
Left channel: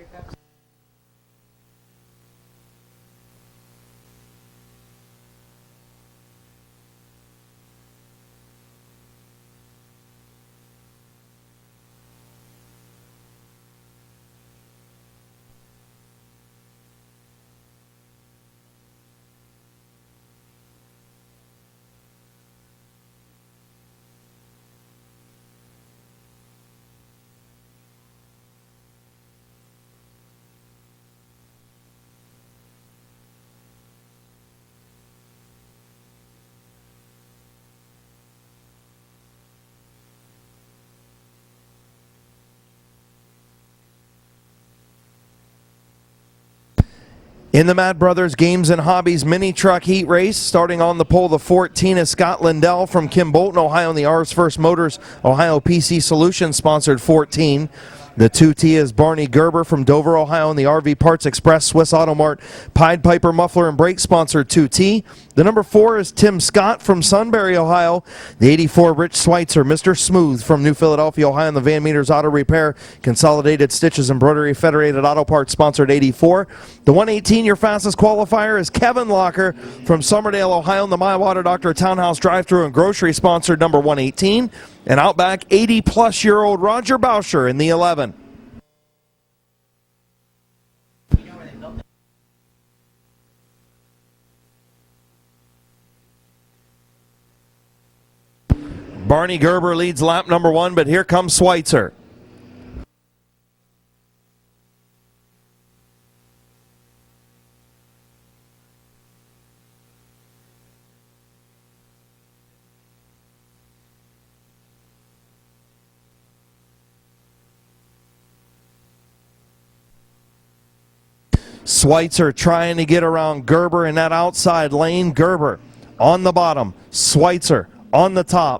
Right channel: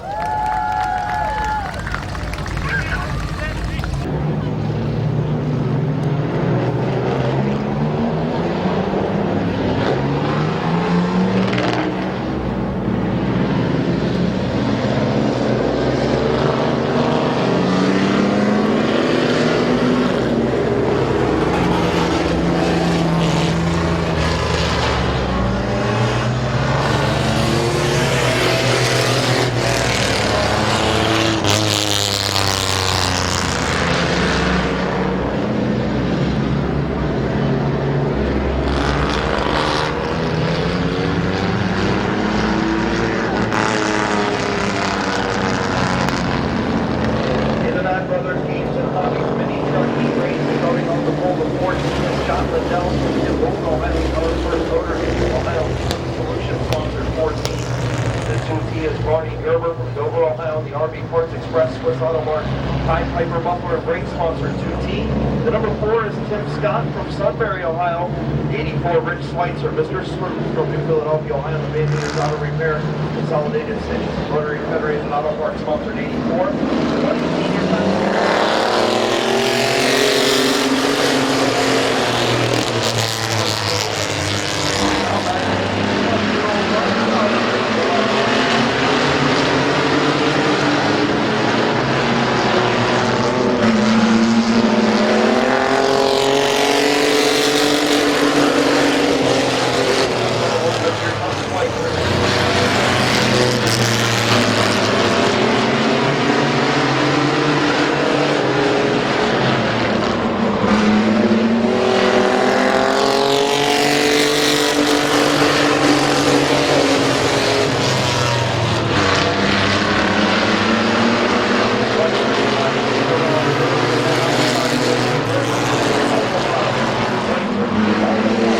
In the Mad Brothers Games and Hobbies Mini Truck Heat Race, starting on the pole, the 14 is Scott Lindell from Kim Bolton, Ohio, the R's First Motors, Ohio PC Solutions sponsored 14. The 2T is Barney Gerber from Dover, Ohio, and the RV Parts Express, Swiss Automark, Pied Piper Muffler and Brake sponsored 2T. The number 4 is Tim Scott from Sunbury, Ohio. The 84, Rich Schweitzer, Mr. Smooth from New Philadelphia, Ohio, and the Van Meters Auto Repair, Consolidated Stitches, Embroidery, Federated Auto Parts sponsored 84. The 118, your fastest qualifier, is Kevin Walker from Somerdale, Ohio, the My Water Doctor Townhouse Drive-Thru and Grocery sponsored number 118. And Outback, 80-plus-year-old Roger Boucher in the 11. Barney Gerber leads lap number 1, but here comes Schweitzer. Schweitzer trying to get around Gerber in that outside lane. Gerber on the bottom. Schweitzer on the top.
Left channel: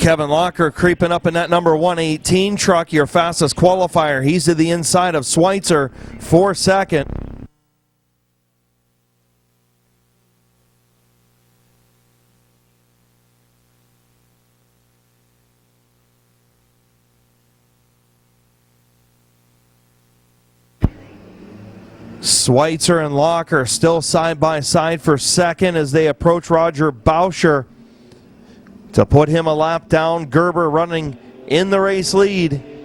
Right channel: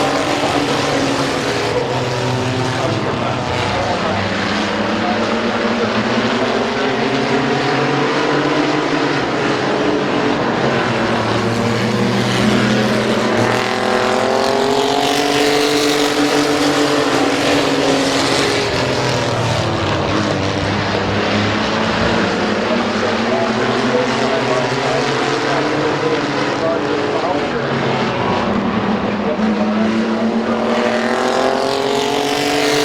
Kevin Locker creeping up in that number 118 truck, your fastest qualifier. He's to the inside of Schweitzer for second. Schweitzer and Locker still side by side for second as they approach Roger Boucher to put him a lap down. Gerber running in the race lead.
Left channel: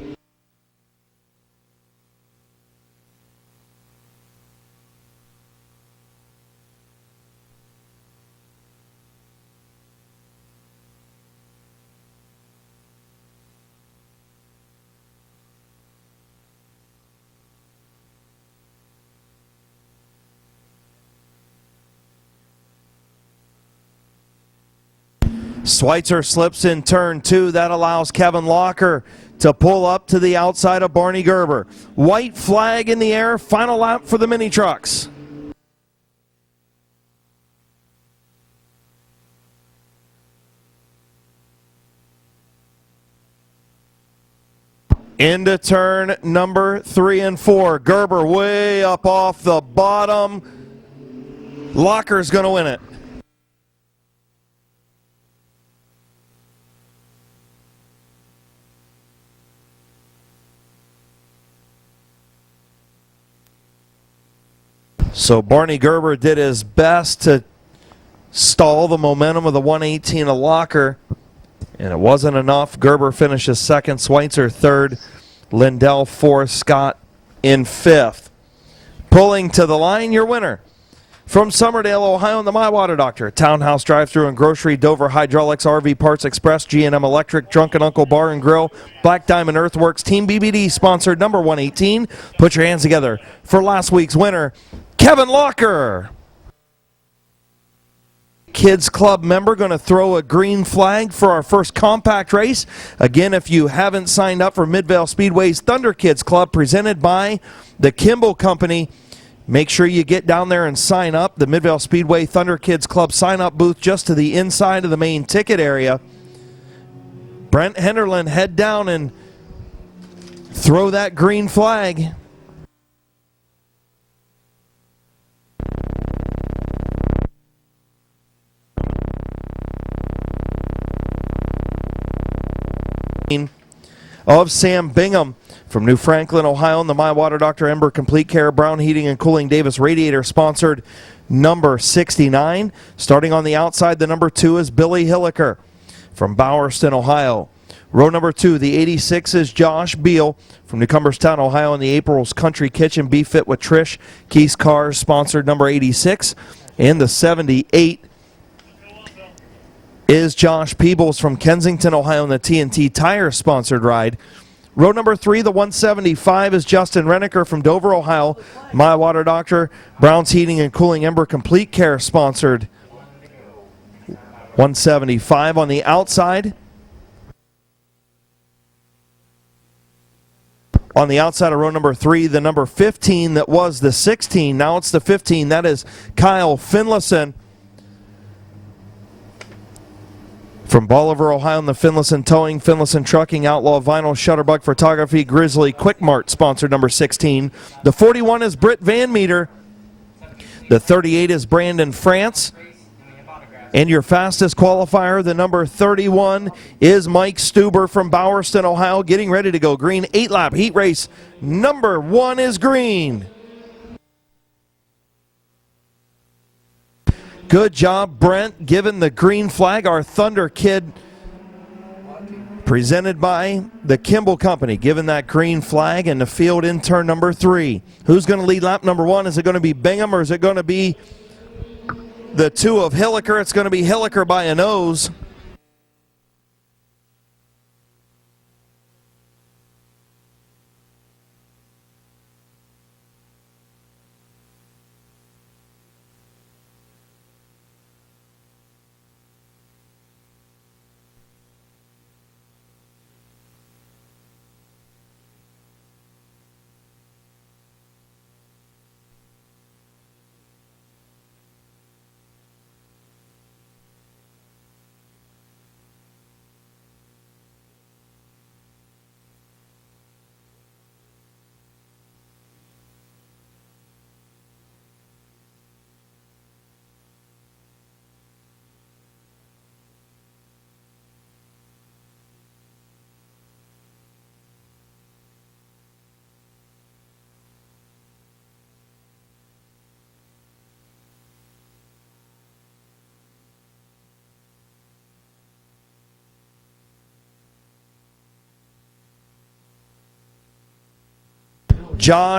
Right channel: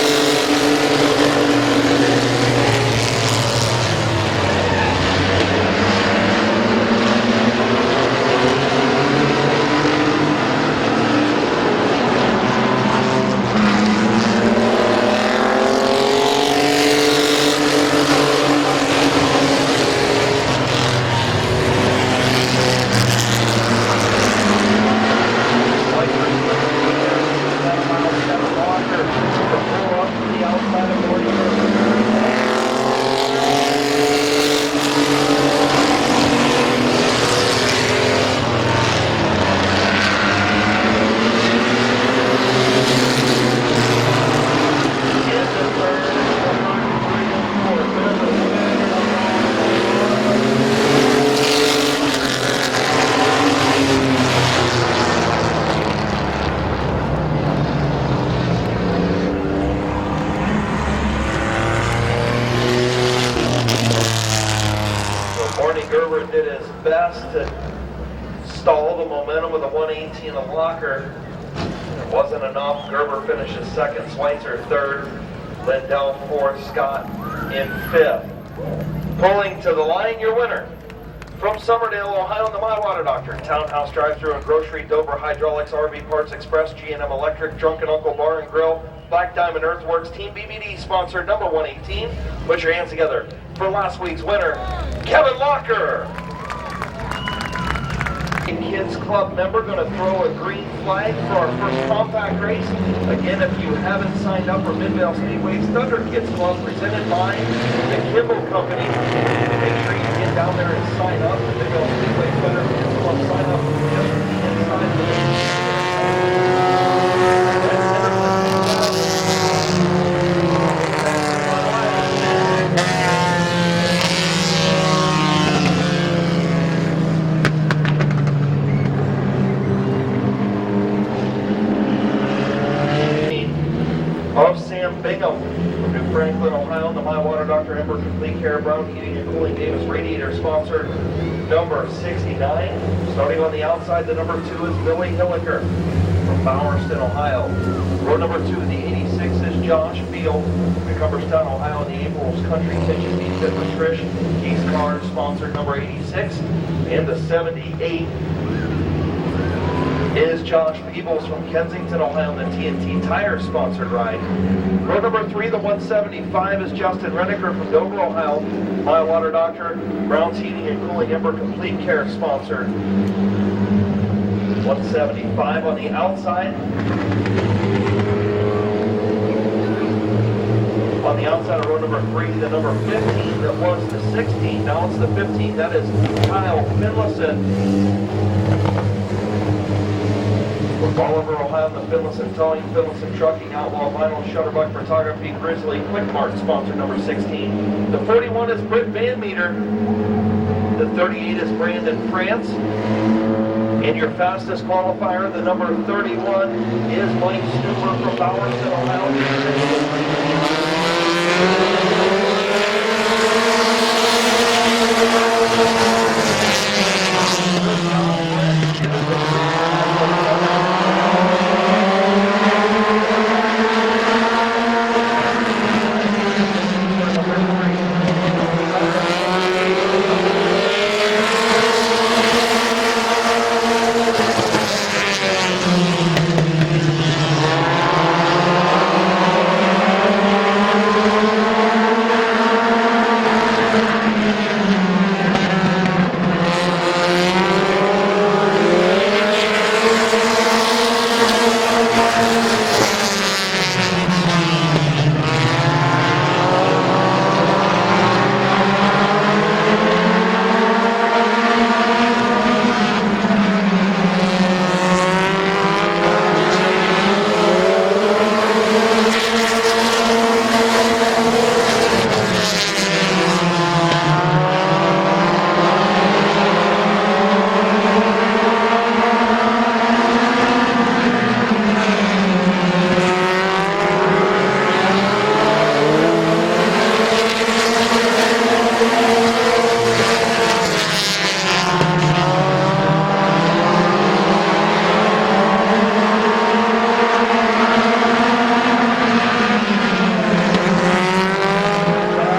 Schweitzer slips in turn 2. That allows Kevin Locker to pull up to the outside of Barney Gerber. White flag in the air. Final lap for the mini trucks. Into turn number 3 and 4. Gerber way up off the bottom. Locker's going to win it. So Barney Gerber did his best to stall the momentum of the 118 of Locker, and it wasn't enough. Gerber finishes second, Schweitzer third, Lindell fourth, Scott in fifth. Pulling to the line, your winner. From Summerdale, Ohio, the My Water Doctor, Townhouse Drive-Thru and Grocery, Dover Hydraulics, RV Parts Express, G&M Electric, Drunken Uncle Bar and Grill, Black Diamond Earthworks, Team BBD sponsored number 118. Put your hands together for last week's winner, Kevin Locker. Kids Club member going to throw a green flag for our first compact race. Again, if you haven't signed up for Midvale Speedway's Thunder Kids Club presented by the Kimball Company, make sure you get down there and sign up. The Midvale Speedway Thunder Kids Club sign-up booth just to the inside of the main ticket area. Brent Henderland, head down and throw that green flag. Of Sam Bingham from New Franklin, Ohio, and the My Water Doctor Ember Complete Care Brown Heating and Cooling Davis Radiator sponsored number 69. Starting on the outside, the number 2 is Billy Hilliker from Bowerston, Ohio. Row number 2, the 86 is Josh Beal from New Cumberstown, Ohio, in the April's Country Kitchen Be Fit with Trish Keys Cars sponsored number 86. And the 78 is Josh Peebles from Kensington, Ohio, in the TNT Tire sponsored ride. Row number 3, the 175 is Justin Renneker from Dover, Ohio, My Water Doctor, Brown's Heating and Cooling Ember Complete Care sponsored 175 on the outside. On the outside of row number 3, the number 15 that was the 16, now it's the 15, that is Kyle Finlayson from Bolivar, Ohio, in the Finlayson Towing, Finlayson Trucking, Outlaw Vinyl, Shutterbug Photography, Grizzly Quick Mart, sponsored number 16. The 41 is Britt Van Meter. The 38 is Brandon France. And your fastest qualifier, the number 31, is Mike Stuber from Bowerston, Ohio, getting ready to go green. 8-lap heat race. Number 1 is green. Good job, Brent, giving the green flag. Our Thunder Kid, presented by the Kimball Company, giving that green flag in the field in turn number 3. Who's going to lead lap number 1? Is it going to be Bingham or is it going to be the 2 of Hilliker? It's going to be Hilliker by a nose.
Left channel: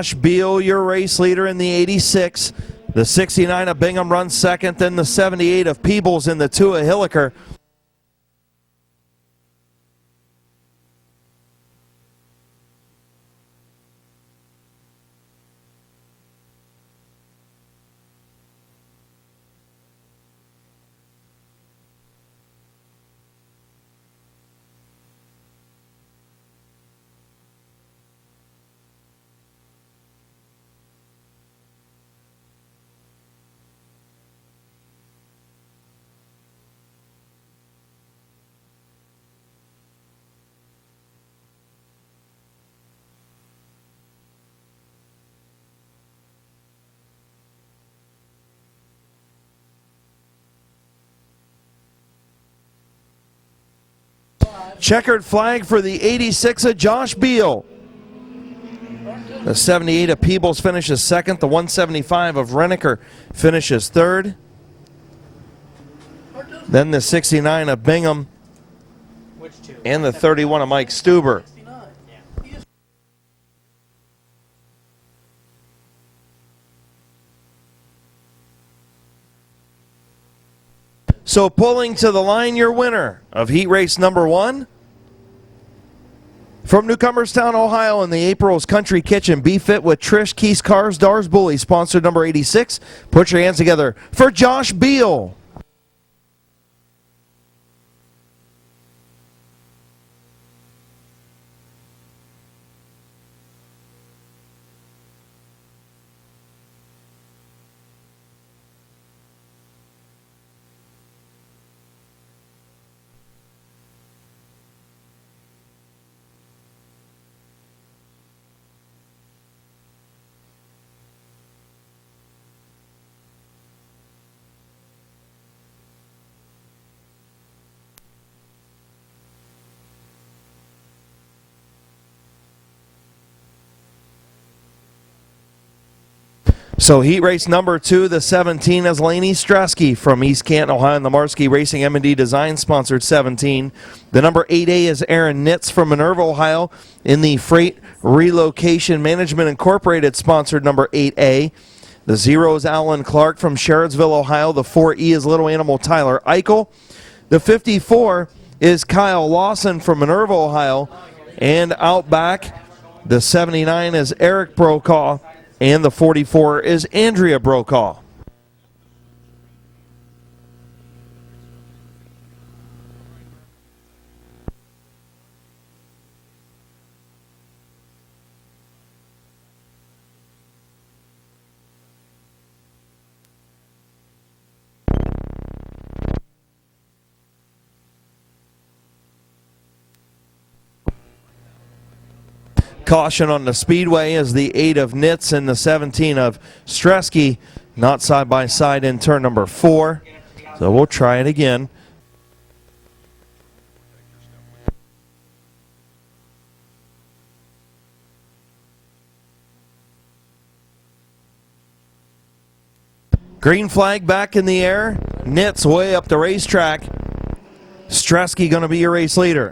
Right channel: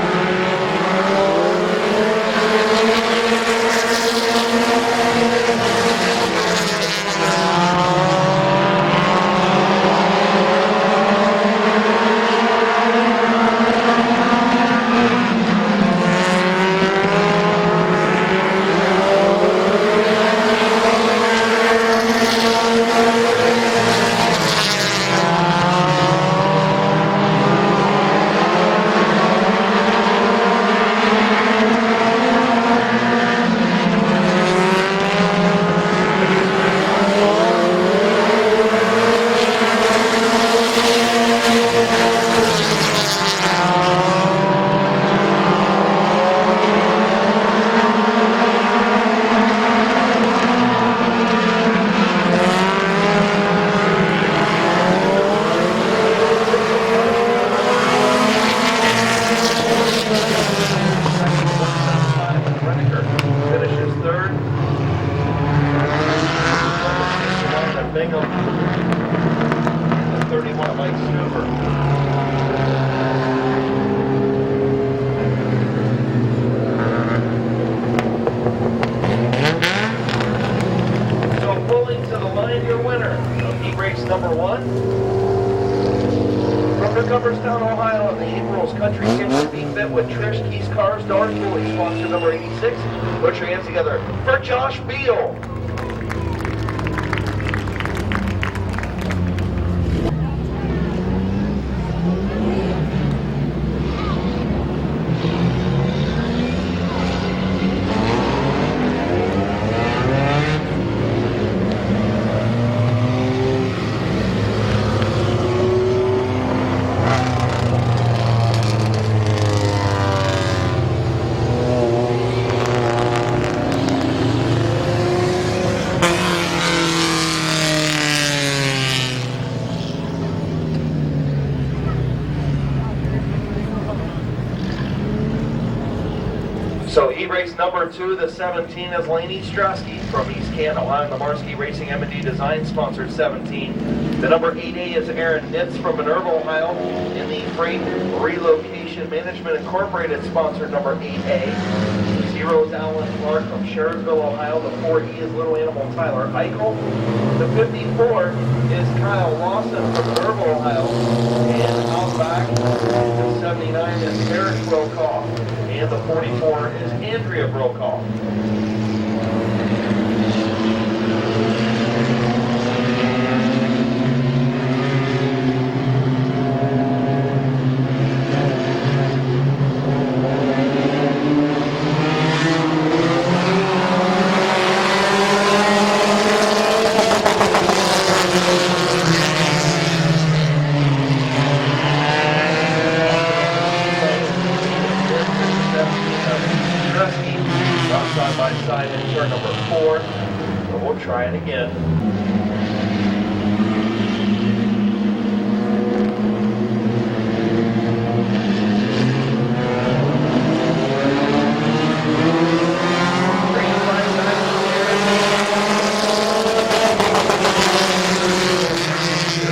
Josh Beal, your race leader in the 86. The 69 of Bingham runs second, then the 78 of Peebles and the 2 of Hilliker. Checkered flag for the 86 of Josh Beal. The 78 of Peebles finishes second. The 175 of Renneker finishes third. Then the 69 of Bingham and the 31 of Mike Stuber. So pulling to the line, your winner of heat race number 1. From Newcomerstown, Ohio, in the April's Country Kitchen, Be Fit with Trish, Keys, Cars, Dars, Bully, sponsor number 86. Put your hands together for Josh Beal. So heat race number 2, the 17 is Laney Stresky from East Canton, Ohio, and the Marski Racing M&D Design sponsored 17. The number 8A is Aaron Nitz from Minerva, Ohio, in the Freight Relocation Management Incorporated sponsored number 8A. The 0 is Alan Clark from Sherridsville, Ohio. The 4E is Little Animal Tyler Eichel. The 54 is Kyle Lawson from Minerva, Ohio. And out back, the 79 is Eric Brokaw. And the 44 is Andrea Brokaw. Caution on the speedway is the 8 of Nitz and the 17 of Stresky, not side by side in turn number 4. So we'll try it again. Green flag back in the air. Nitz way up the racetrack. Stresky going to be your race leader.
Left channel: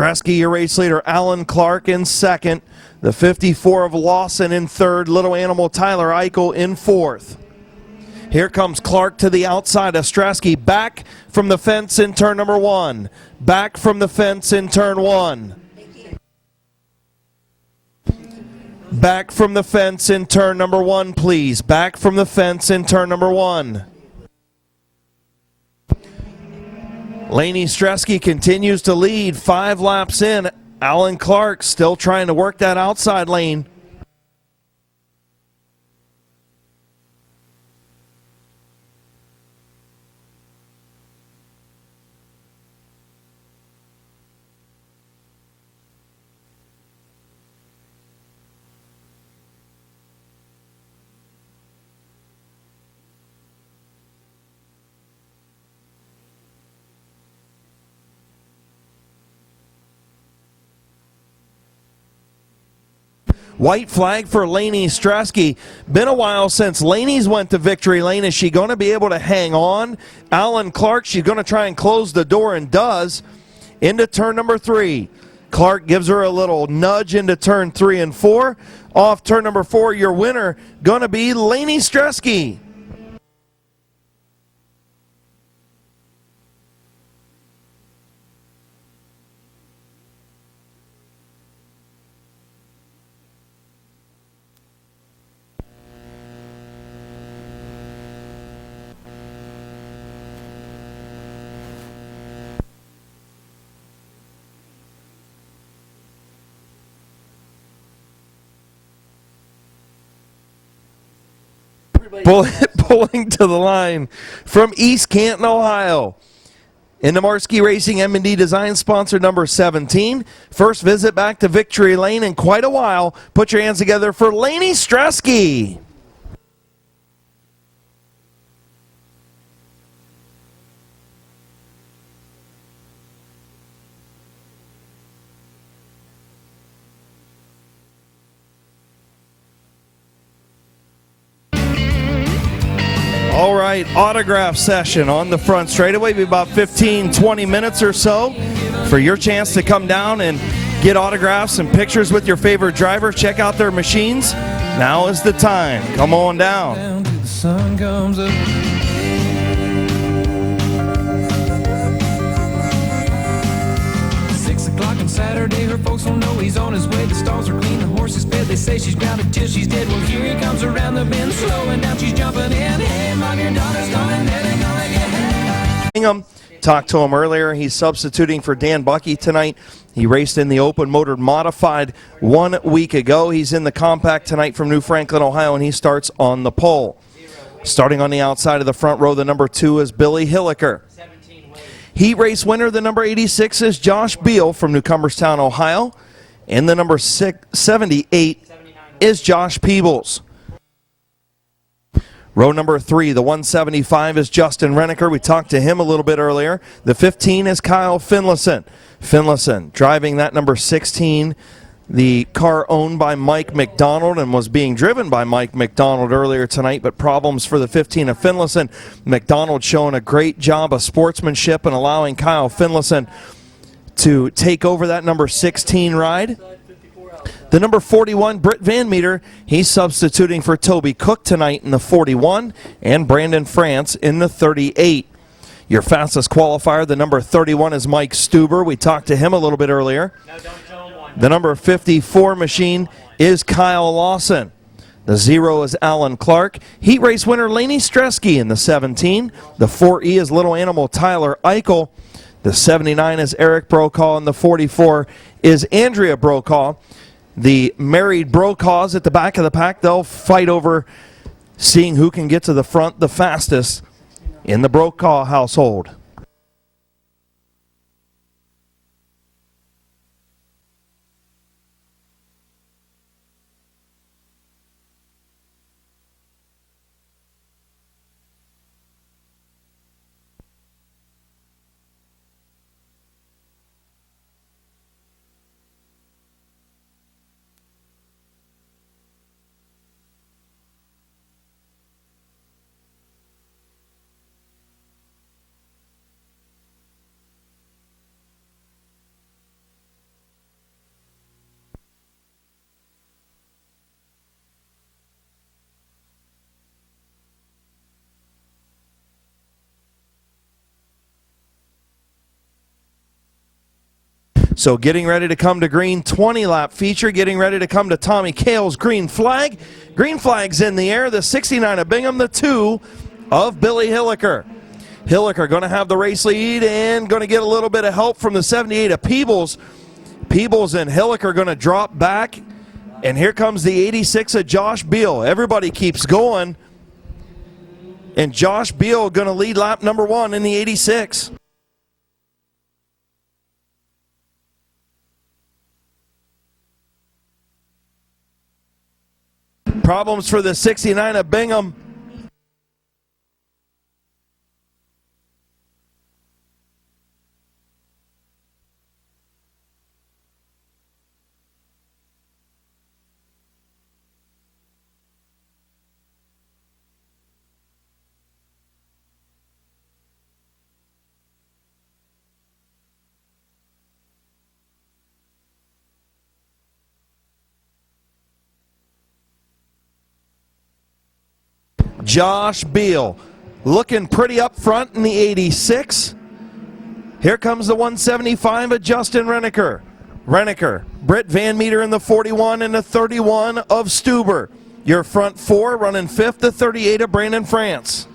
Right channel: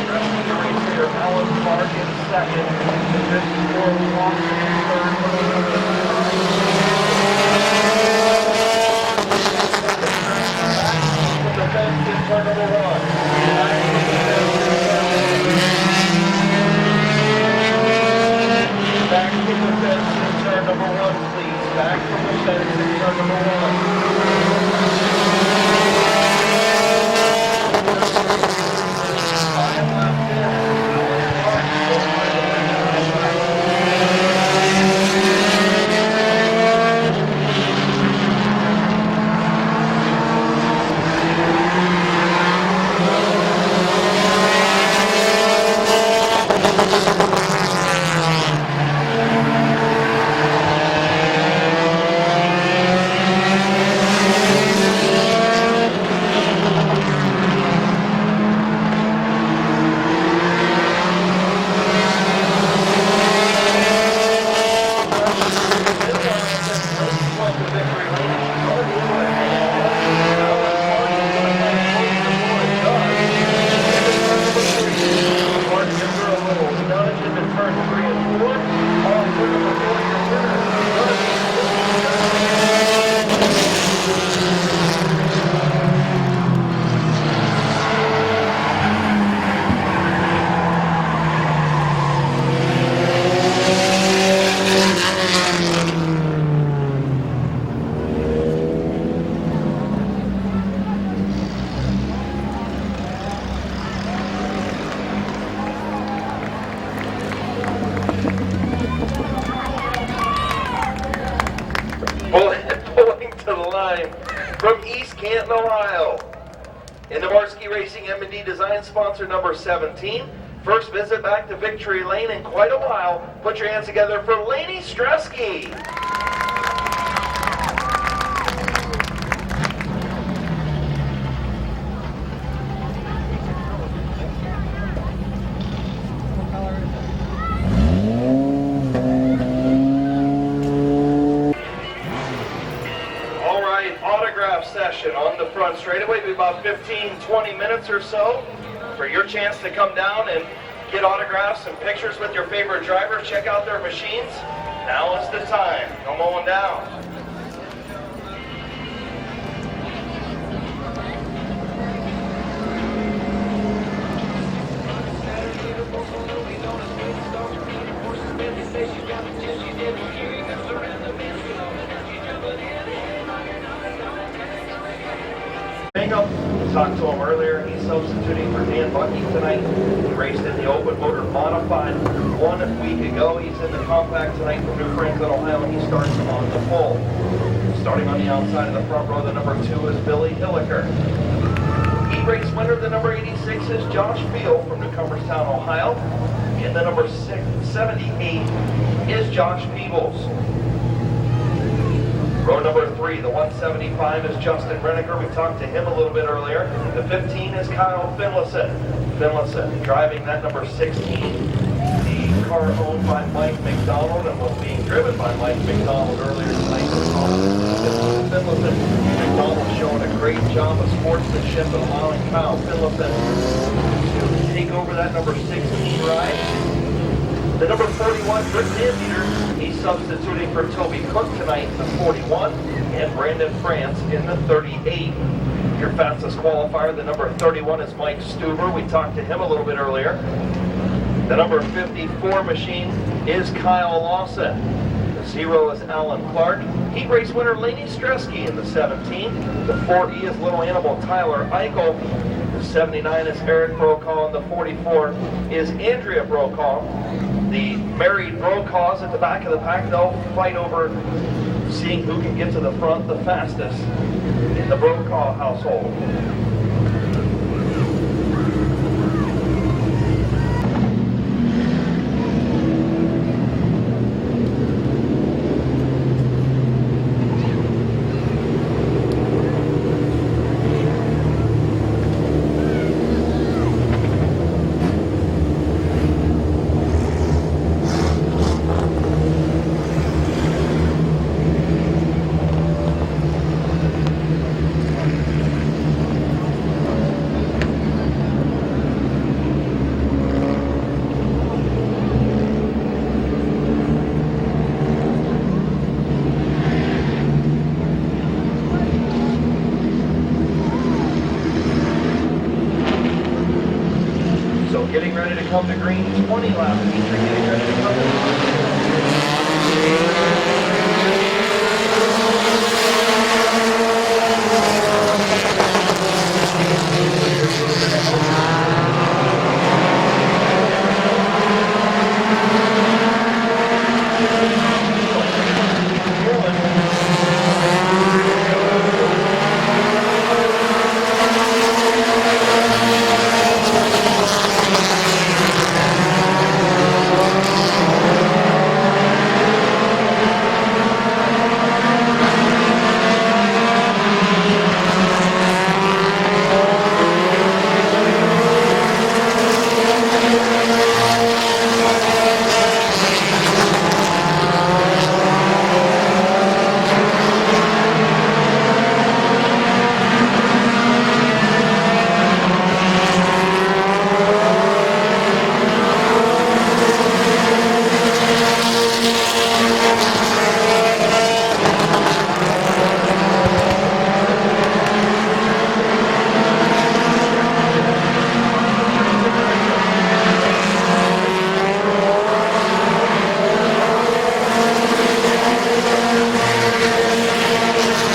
Stresky, your race leader. Alan Clark in second. The 54 of Lawson in third. Little Animal Tyler Eichel in fourth. Here comes Clark to the outside of Stresky. Back from the fence in turn number 1. Back from the fence in turn 1. Back from the fence in turn number 1, please. Back from the fence in turn number 1. Laney Stresky continues to lead 5 laps in. Alan Clark still trying to work that outside lane. White flag for Laney Stresky. Been a while since Laney's went to victory lane. Is she going to be able to hang on? Alan Clark, she's going to try and close the door and does. Into turn number 3. Clark gives her a little nudge into turn 3 and 4. Off turn number 4, your winner going to be Laney Stresky. Pulling to the line from East Canton, Ohio. In the Marski Racing M&D Design sponsor number 17. First visit back to victory lane in quite a while. Put your hands together for Laney Stresky. All right, autograph session on the front straightaway. Be about 15-20 minutes or so for your chance to come down and get autographs and pictures with your favorite driver. Check out their machines. Now is the time. Come on down. Sun comes up. 6 o'clock on Saturday, their folks will know he's on his way. The stalls are clean, the horses fed. They say she's grounded till she's dead. Well, here he comes around the bend, slowing down, she's jumping in. Talked to him earlier. He's substituting for Dan Bucky tonight. He raced in the open motor modified 1 week ago. He's in the compact tonight from New Franklin, Ohio, and he starts on the pole. Starting on the outside of the front row, the number 2 is Billy Hilliker. Heat race winner, the number 86 is Josh Beal from New Cumberstown, Ohio. And the number 78 is Josh Peebles. Row number 3, the 175 is Justin Renneker. We talked to him a little bit earlier. The 15 is Kyle Finlayson. Finlayson driving that number 16, the car owned by Mike McDonald and was being driven by Mike McDonald earlier tonight, but problems for the 15 of Finlayson. McDonald showing a great job of sportsmanship and allowing Kyle Finlayson to take over that number 16 ride. The number 41, Britt Van Meter, he's substituting for Toby Cook tonight in the 41, and Brandon France in the 38. Your fastest qualifier, the number 31, is Mike Stuber. We talked to him a little bit earlier. The number 54 machine is Kyle Lawson. The 0 is Alan Clark. Heat race winner Laney Stresky in the 17. The 4E is Little Animal Tyler Eichel. The 79 is Eric Brokaw, and the 44 is Andrea Brokaw. The married Brokaws at the back of the pack, they'll fight over seeing who can get to the front the fastest in the Brokaw household. So getting ready to come to green, 20-lap feature, getting ready to come to Tommy Cale's green flag. Green flag's in the air, the 69 of Bingham, the 2 of Billy Hilliker. Hilliker going to have the race lead and going to get a little bit of help from the 78 of Peebles. Peebles and Hilliker going to drop back. And here comes the 86 of Josh Beal. Everybody keeps going. And Josh Beal going to lead lap number 1 in the 86. Problems for the 69 of Bingham. Josh Beal looking pretty up front in the 86. Here comes the 175 of Justin Renneker. Brent Van Meter in the 41 and the 31 of Stuber. Your front 4 running 5th, the 38 of Brandon France.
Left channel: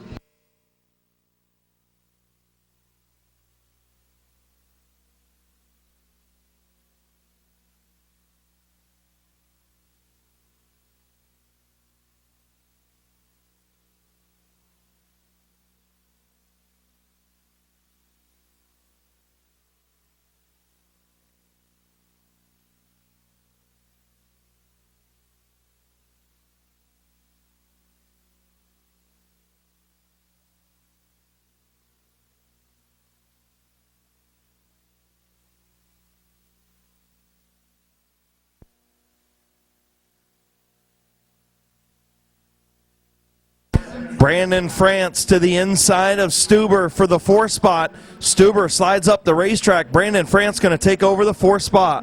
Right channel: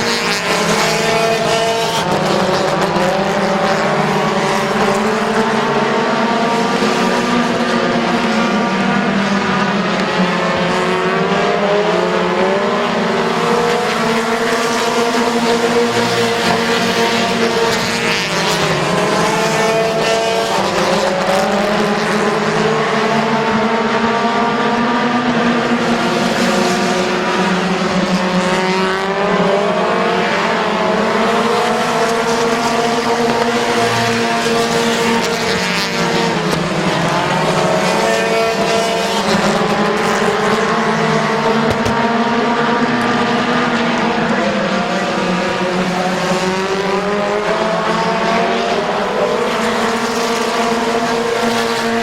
To the inside of Stuber for the 4th spot. Stuber slides up the racetrack. Brandon France going to take over the 4th spot.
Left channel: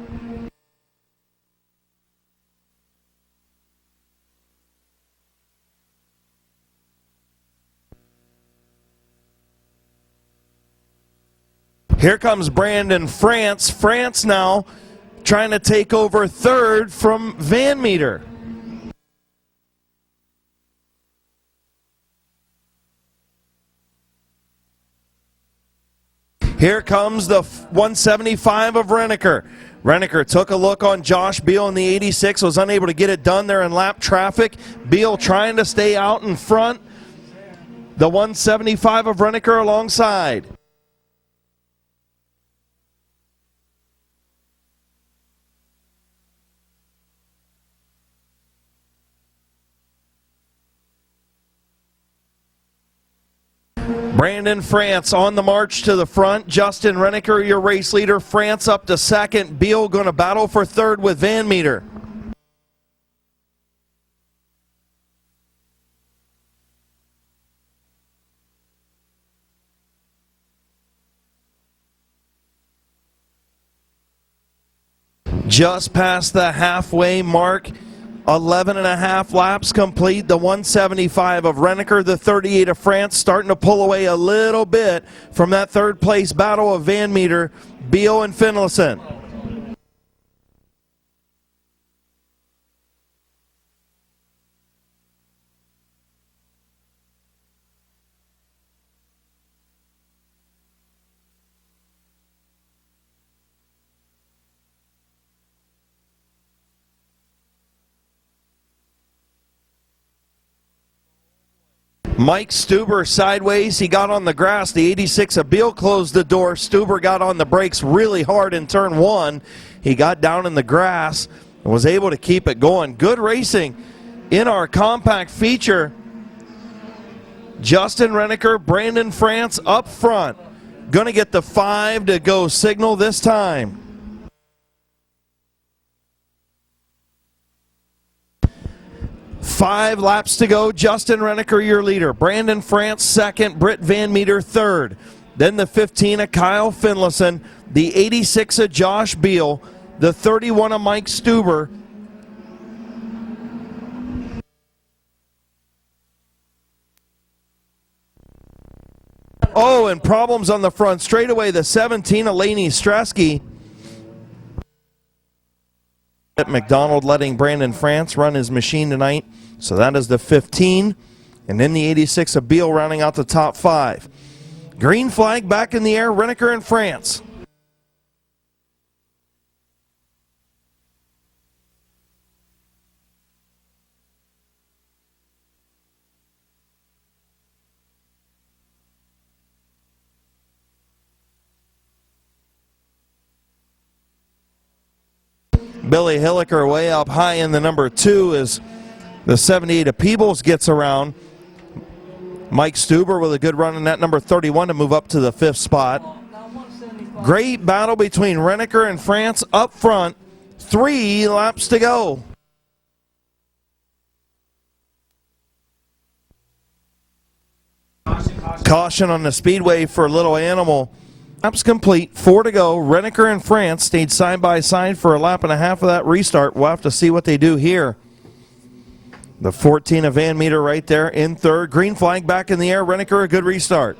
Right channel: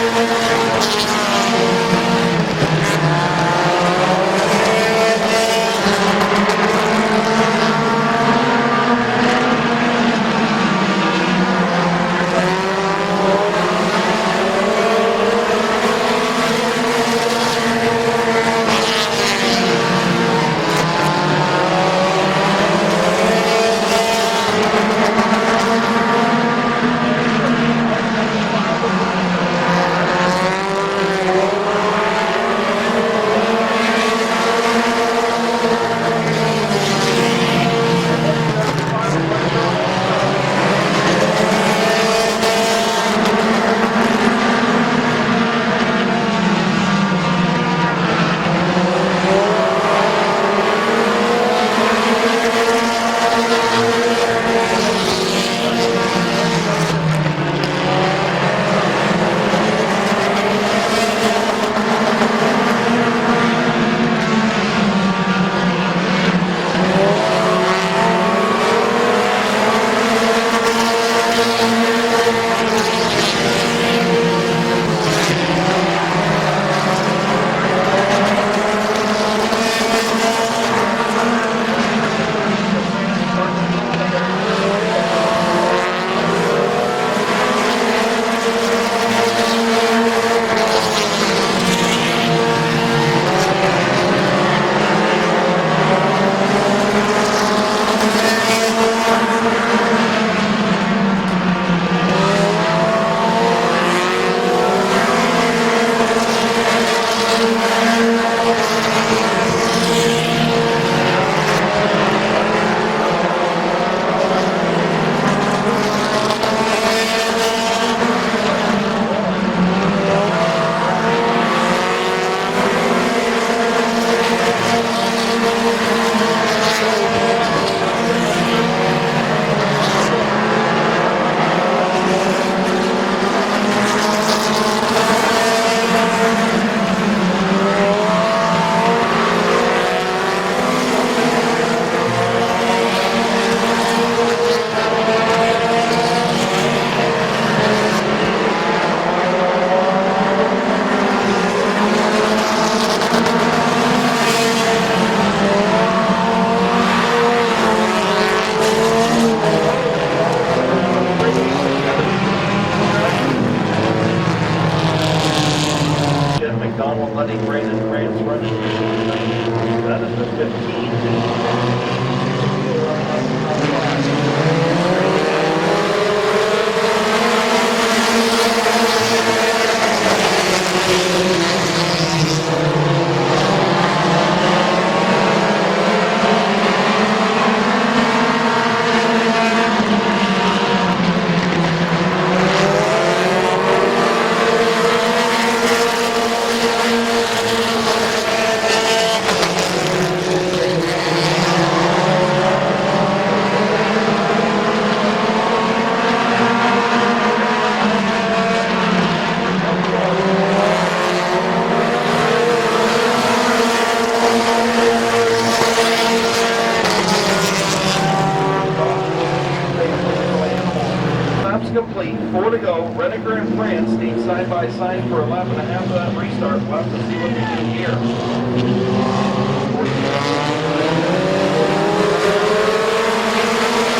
Here comes Brandon France. France now trying to take over 3rd from Van Meter. Here comes the 175 of Renneker. Renneker took a look on Josh Beal in the 86, was unable to get it done there in lap traffic. Beal trying to stay out in front. The 175 of Renneker alongside. France on the march to the front. Justin Renneker, your race leader. France up to 2nd. Beal going to battle for 3rd with Van Meter. Just past the halfway mark. 11 and a half laps complete. The 175 of Renneker, the 38 of France starting to pull away a little bit from that 3rd place battle of Van Meter, Beal and Finlayson. Stuber sideways, he got on the grass. The 86 of Beal closed the door. Stuber got on the brakes really hard in turn 1. He got down in the grass and was able to keep it going. Good racing in our compact feature. Justin Renneker, Brandon France up front. Gonna get the 5 to go signal this time. Laps to go. Justin Renneker, your leader. Brandon France, 2nd. Brent Van Meter, 3rd. Then the 15 of Kyle Finlayson. The 86 of Josh Beal. The 31 of Mike Stuber. Oh, and problems on the front straightaway. The 17 of Laney Strasky. McDonald letting Brandon France run his machine tonight. So that is the 15. And then the 86 of Beal rounding out the top 5. Green flag back in the air, Reneker and France. Billy Hilliker way up high in the number 2 as the 70 to Peebles gets around. Mike Stuber with a good run in that number 31 to move up to the 5th spot. Great battle between Reneker and France up front. 3 laps to go. Caution on the speedway for Little Animal. Laps complete, 4 to go. Reneker and France stayed side by side for a lap and a half of that restart. We'll have to see what they do here. The 14 of Van Meter right there in 3rd. Green flag back in the air. Reneker, a good restart.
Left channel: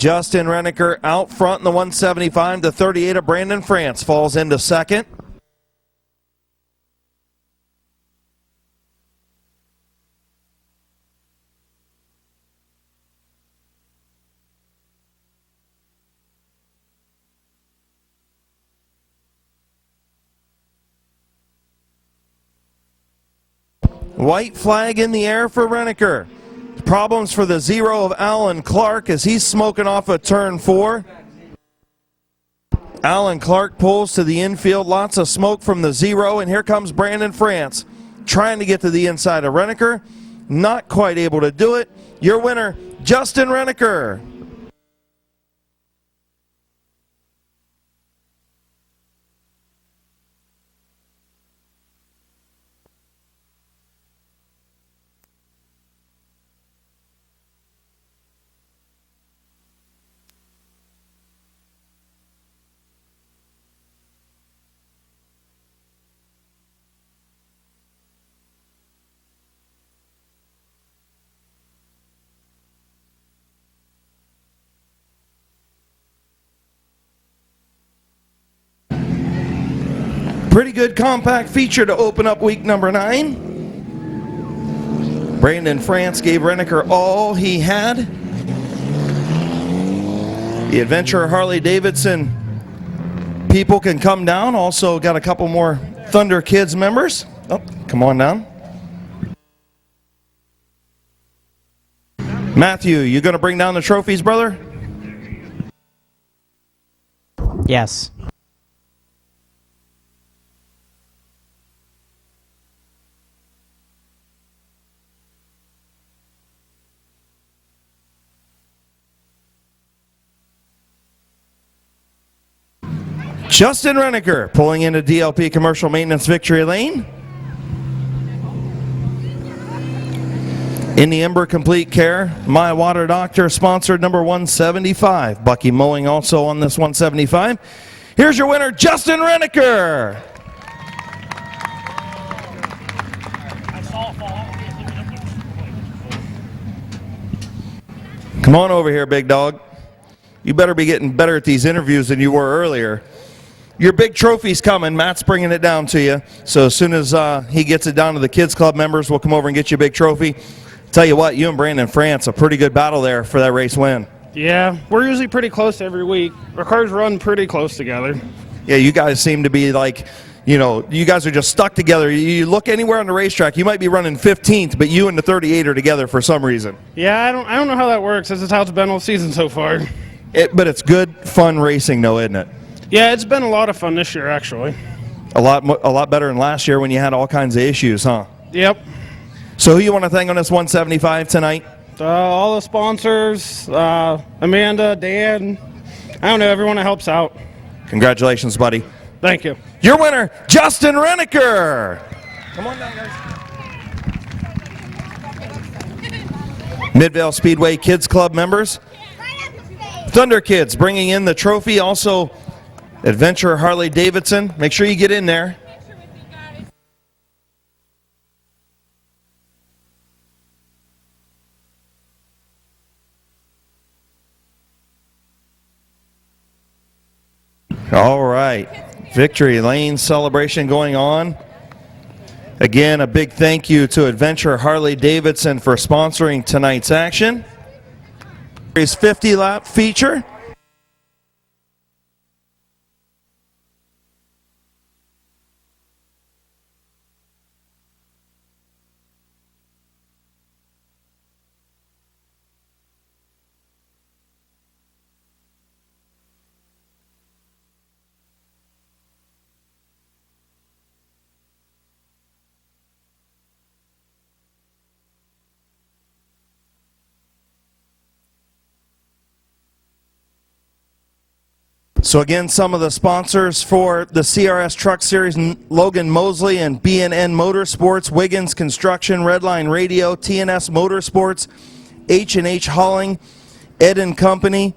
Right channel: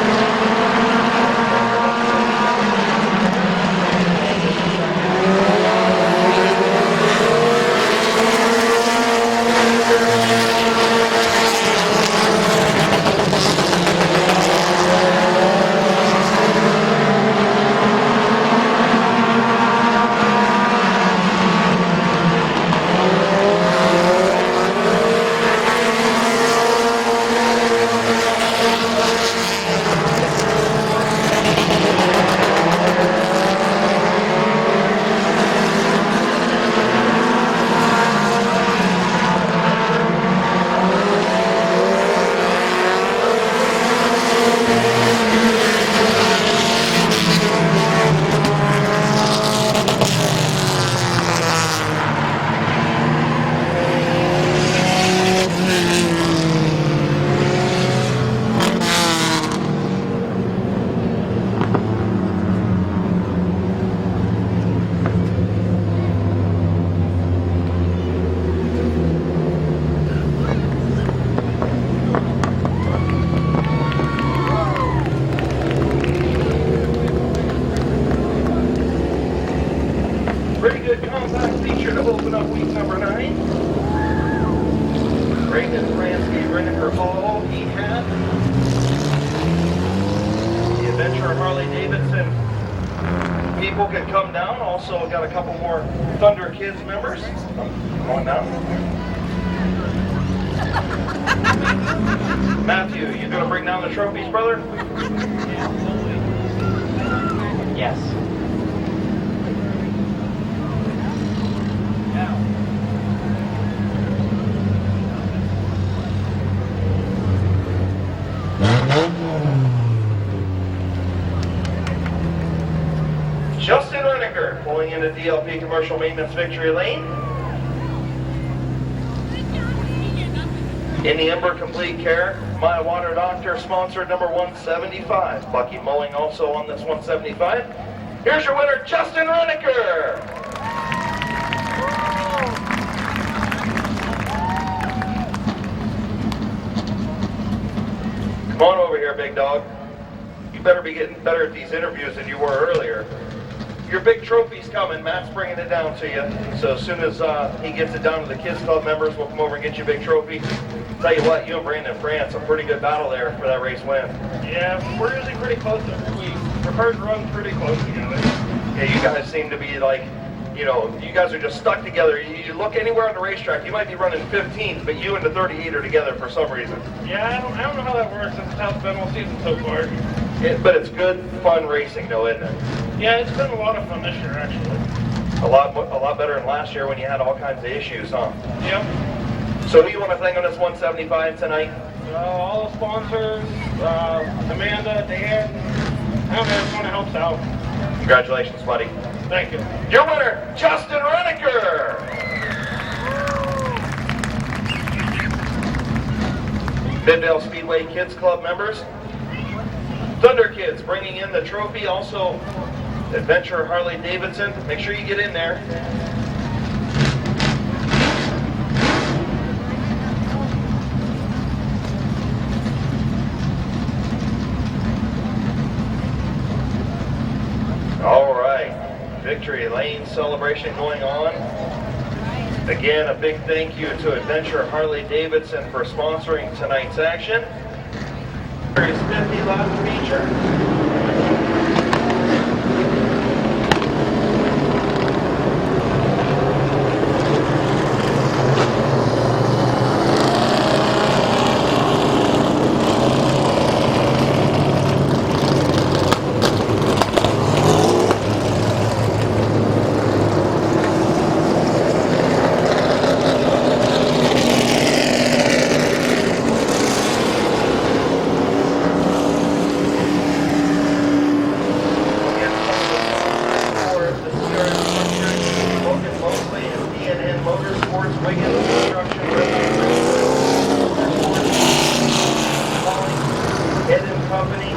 Justin Reneker out front, the 175, the 38 of Brandon France falls into 2nd. White flag in the air for Reneker. Problems for the 0 of Alan Clark as he's smoking off of turn 4. Alan Clark pulls to the infield, lots of smoke from the 0, and here comes Brandon France trying to get to the inside of Reneker. Not quite able to do it. Your winner, Justin Reneker. Pretty good compact feature to open up week number 9. Brandon France gave Reneker all he had. The Adventure Harley Davidson people can come down. Also got a couple more Thunder Kids members. Oh, come on down. Matthew, you gonna bring down the trophies, brother? Yes. Justin Reneker pulling into DLP Commercial Maintenance Victory Lane. In the Ember Complete Care, My Water Doctor sponsored number 175. Bucky Mowing also on this 175. Here's your winner, Justin Reneker. Come on over here, big dog. You better be getting better at these interviews than you were earlier. Your big trophy's coming. Matt's bringing it down to you. So as soon as he gets it down to the Kids Club members, we'll come over and get you a big trophy. Tell you what, you and Brandon France, a pretty good battle there for that race win. Yeah, we're usually pretty close every week. Our cars run pretty close together. Yeah, you guys seem to be like, you know, you guys are just stuck together. You look anywhere on the racetrack, you might be running 15th, but you and the 38 are together for some reason. Yeah, I don't know how that works. This is how it's been all season so far. But it's good, fun racing, though, isn't it? Yeah, it's been a lot of fun this year, actually. A lot better than last year when you had all kinds of issues, huh? Yep. So who you want to thank on this 175 tonight? All the sponsors, Amanda, Dan, I don't know, everyone that helps out. Congratulations, buddy. Thank you. Your winner, Justin Reneker. Midvale Speedway Kids Club members. Thunder Kids bringing in the trophy. Also, Adventure Harley Davidson. Make sure you get in there. All right, Victory Lane celebration going on. Again, a big thank you to Adventure Harley Davidson for sponsoring tonight's action. Here's 50-lap feature. So again, some of the sponsors for the CRS Truck Series: Logan Mosley and B&N Motorsports, Wiggins Construction, Redline Radio, TNS Motorsports, H&H Hauling, Ed & Company,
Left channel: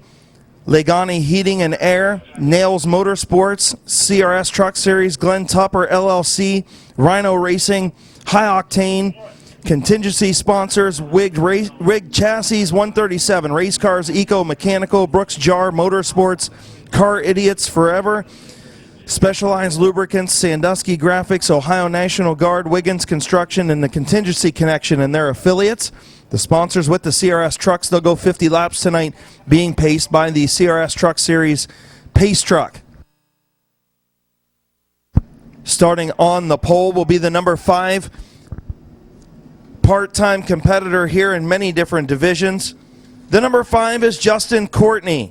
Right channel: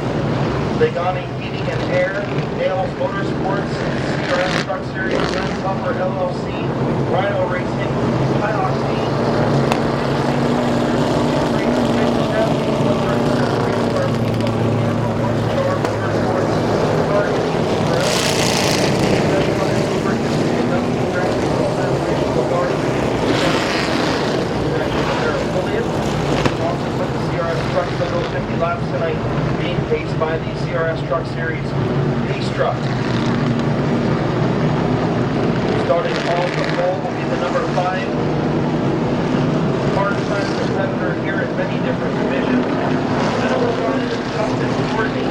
Legani Heating and Air, Nails Motorsports, CRS Truck Series, Glenn Tupper LLC, Rhino Racing, High Octane, contingency sponsors: Wig Chassis, 137, Race Cars, Eco Mechanical, Brooks Jar Motorsports, Car Idiots Forever, Specialized Lubricants, Sandusky Graphics, Ohio National Guard, Wiggins Construction, and the Contingency Connection and their affiliates. The sponsors with the CRS trucks, they'll go 50 laps tonight, being paced by the CRS Truck Series Pace Truck. Starting on the pole will be the number 5 part-time competitor here in many different divisions. The number 5 is Justin Courtney.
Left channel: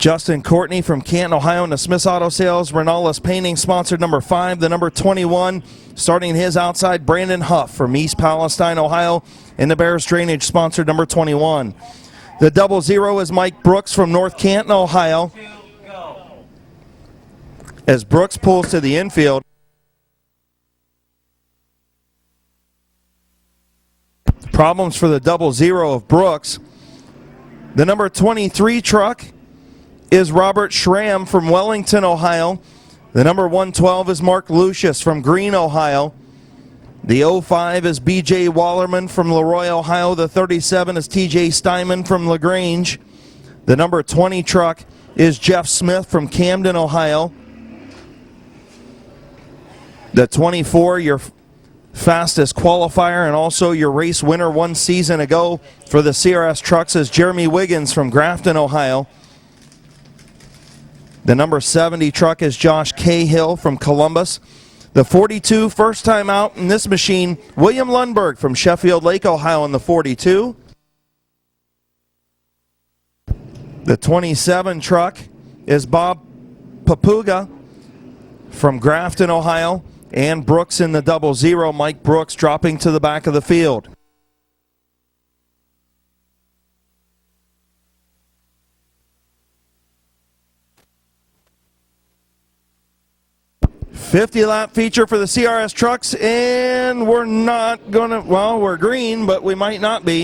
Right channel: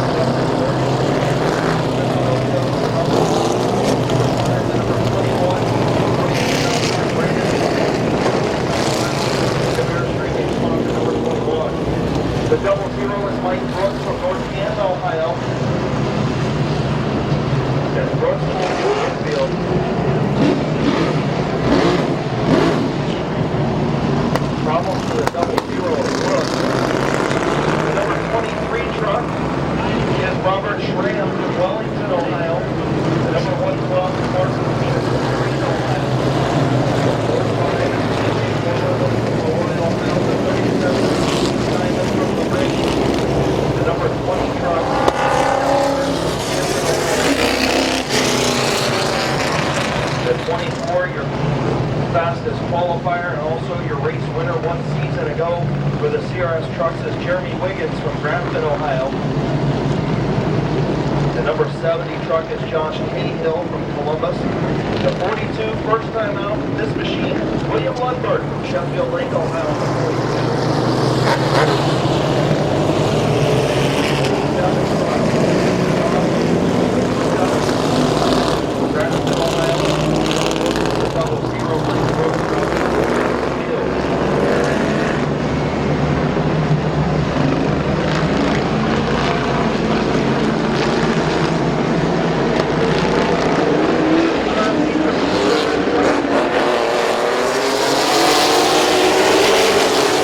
Justin Courtney from Canton, Ohio, and the Smith's Auto Sales. Renales Painting sponsored number 5. The number 21, starting his outside, Brandon Huff from East Palestine, Ohio, and the Bears Drainage sponsored number 21. The 00 is Mike Brooks from North Canton, Ohio. As Brooks pulls to the infield, problems for the 00 of Brooks. The number 23 truck is Robert Schramm from Wellington, Ohio. The number 112 is Mark Lucius from Greene, Ohio. The 05 is BJ Wallerman from Leroy, Ohio. The 37 is TJ Steinman from LaGrange. The number 20 truck is Jeff Smith from Camden, Ohio. The 24, your fastest qualifier and also your race winner one season ago for the CRS trucks, is Jeremy Wiggins from Grafton, Ohio. The number 70 truck is Josh Cahill from Columbus. The 42, first time out in this machine, William Lundberg from Sheffield Lake, Ohio in the 42. The 27 truck is Bob Papuga from Grafton, Ohio. And Brooks in the 00, Mike Brooks dropping to the back of the field. Lap feature for the CRS trucks, and we're not going to, well, we're green, but we might not be.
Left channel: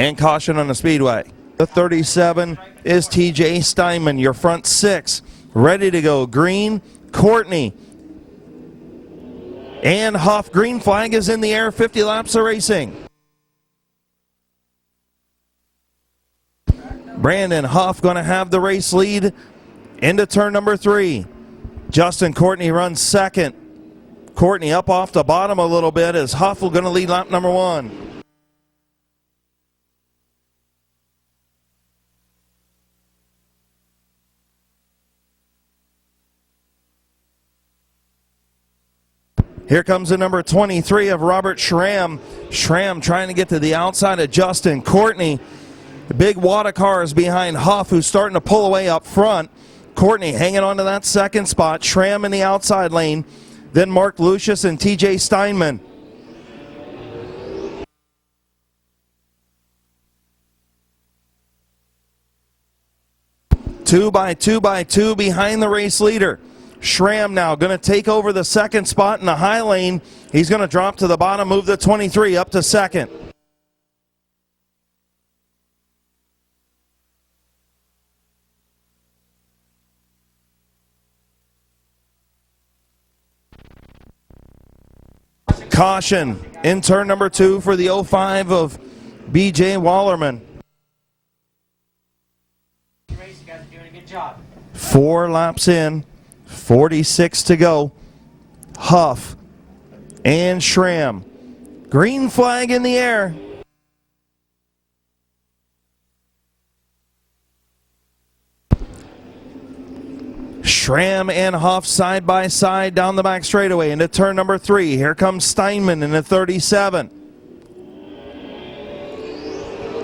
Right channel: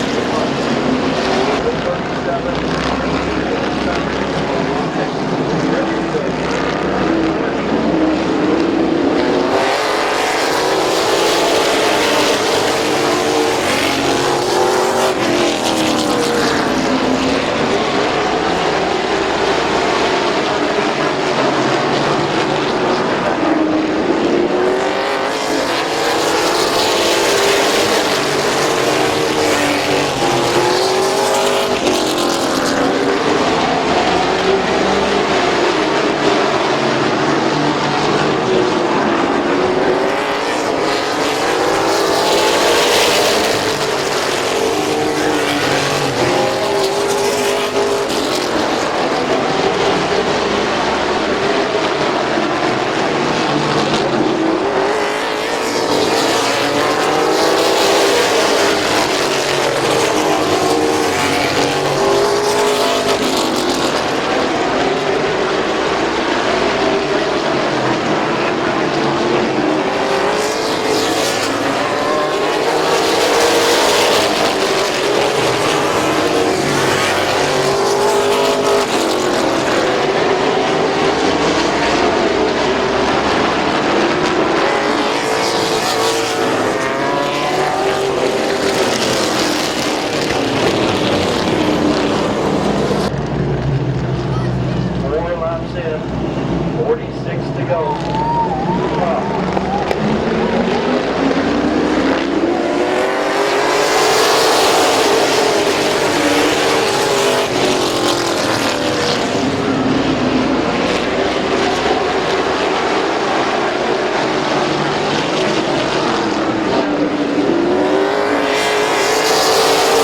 And caution on the speedway. The 37 is TJ Steinman, your front 6. Ready to go. Green, Courtney. And Huff, green flag is in the air, 50 laps of racing. Brandon Huff going to have the race lead into turn number 3. Justin Courtney runs second. Courtney up off the bottom a little bit as Huff is going to lead lap number 1. Here comes the number 23 of Robert Schramm. Schramm trying to get to the outside of Justin Courtney. Big wad of cars behind Huff, who's starting to pull away up front. Courtney hanging on to that second spot. Schramm in the outside lane. Then Mark Lucius and TJ Steinman. Two by two behind the race leader. Schramm now going to take over the second spot in the high lane. He's going to drop to the bottom, move to 23, up to second. Caution in turn number 2 for the 05 of BJ Wallerman. 4 laps in, 46 to go. Huff and Schramm. Green flag in the air. Schramm and Huff side by side down the back straightaway into turn number 3. Here comes Steinman in the 37.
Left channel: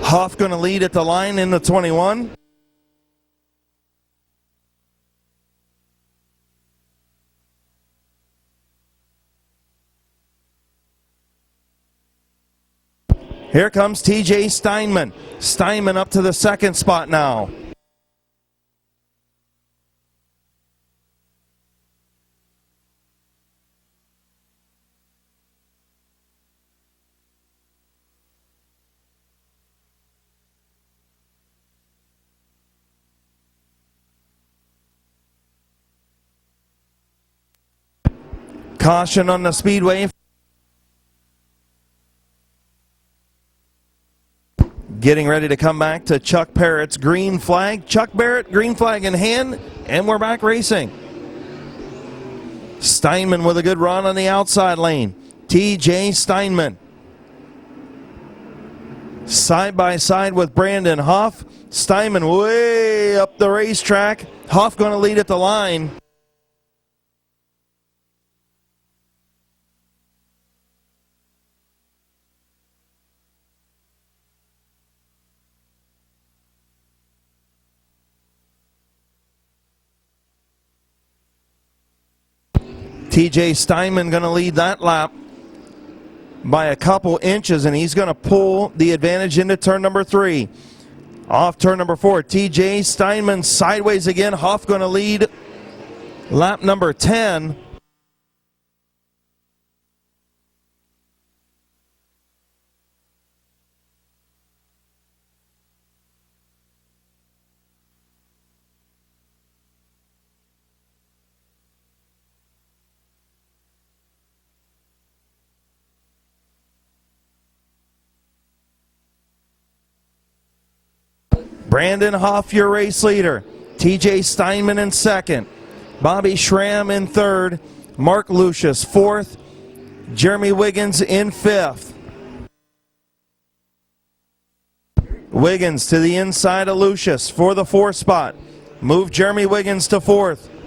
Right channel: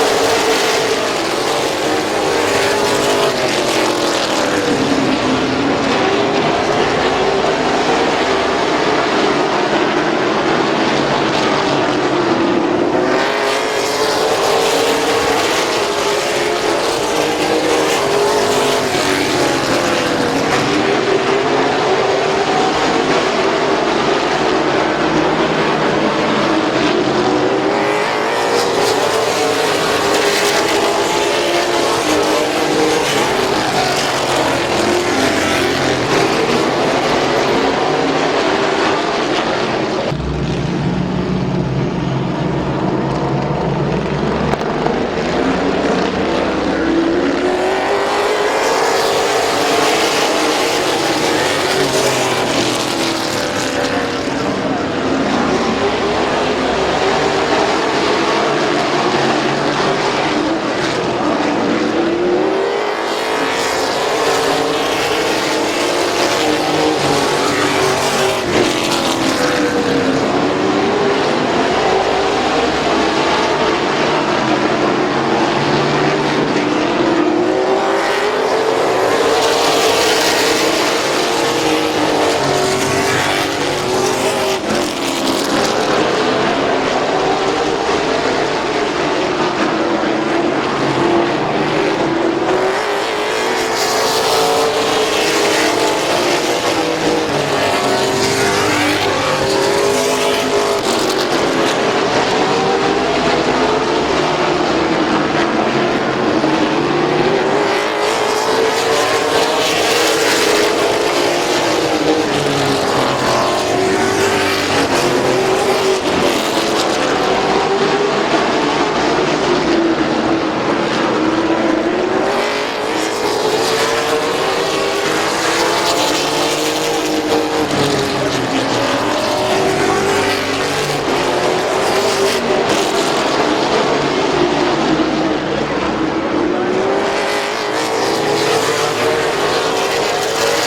Huff going to lead at the line in the 21. Here comes TJ Steinman. Steinman up to the second spot now. Caution on the speedway. Getting ready to come back to Chuck Barrett's green flag. Chuck Barrett, green flag in hand, and we're back racing. Steinman with a good run on the outside lane. TJ Steinman. Side by side with Brandon Huff. Steinman way up the racetrack. Huff going to lead at the line. TJ Steinman going to lead that lap by a couple inches, and he's going to pull the advantage into turn number 3. Off turn number 4, TJ Steinman sideways again. Hoff going to lead lap number 10. Brandon Huff, your race leader. TJ Steinman in second. Bobby Schramm in third. Mark Lucius fourth. Jeremy Wiggins in fifth. Wiggins to the inside of Lucius for the 4th spot. Move Jeremy Wiggins to 4th.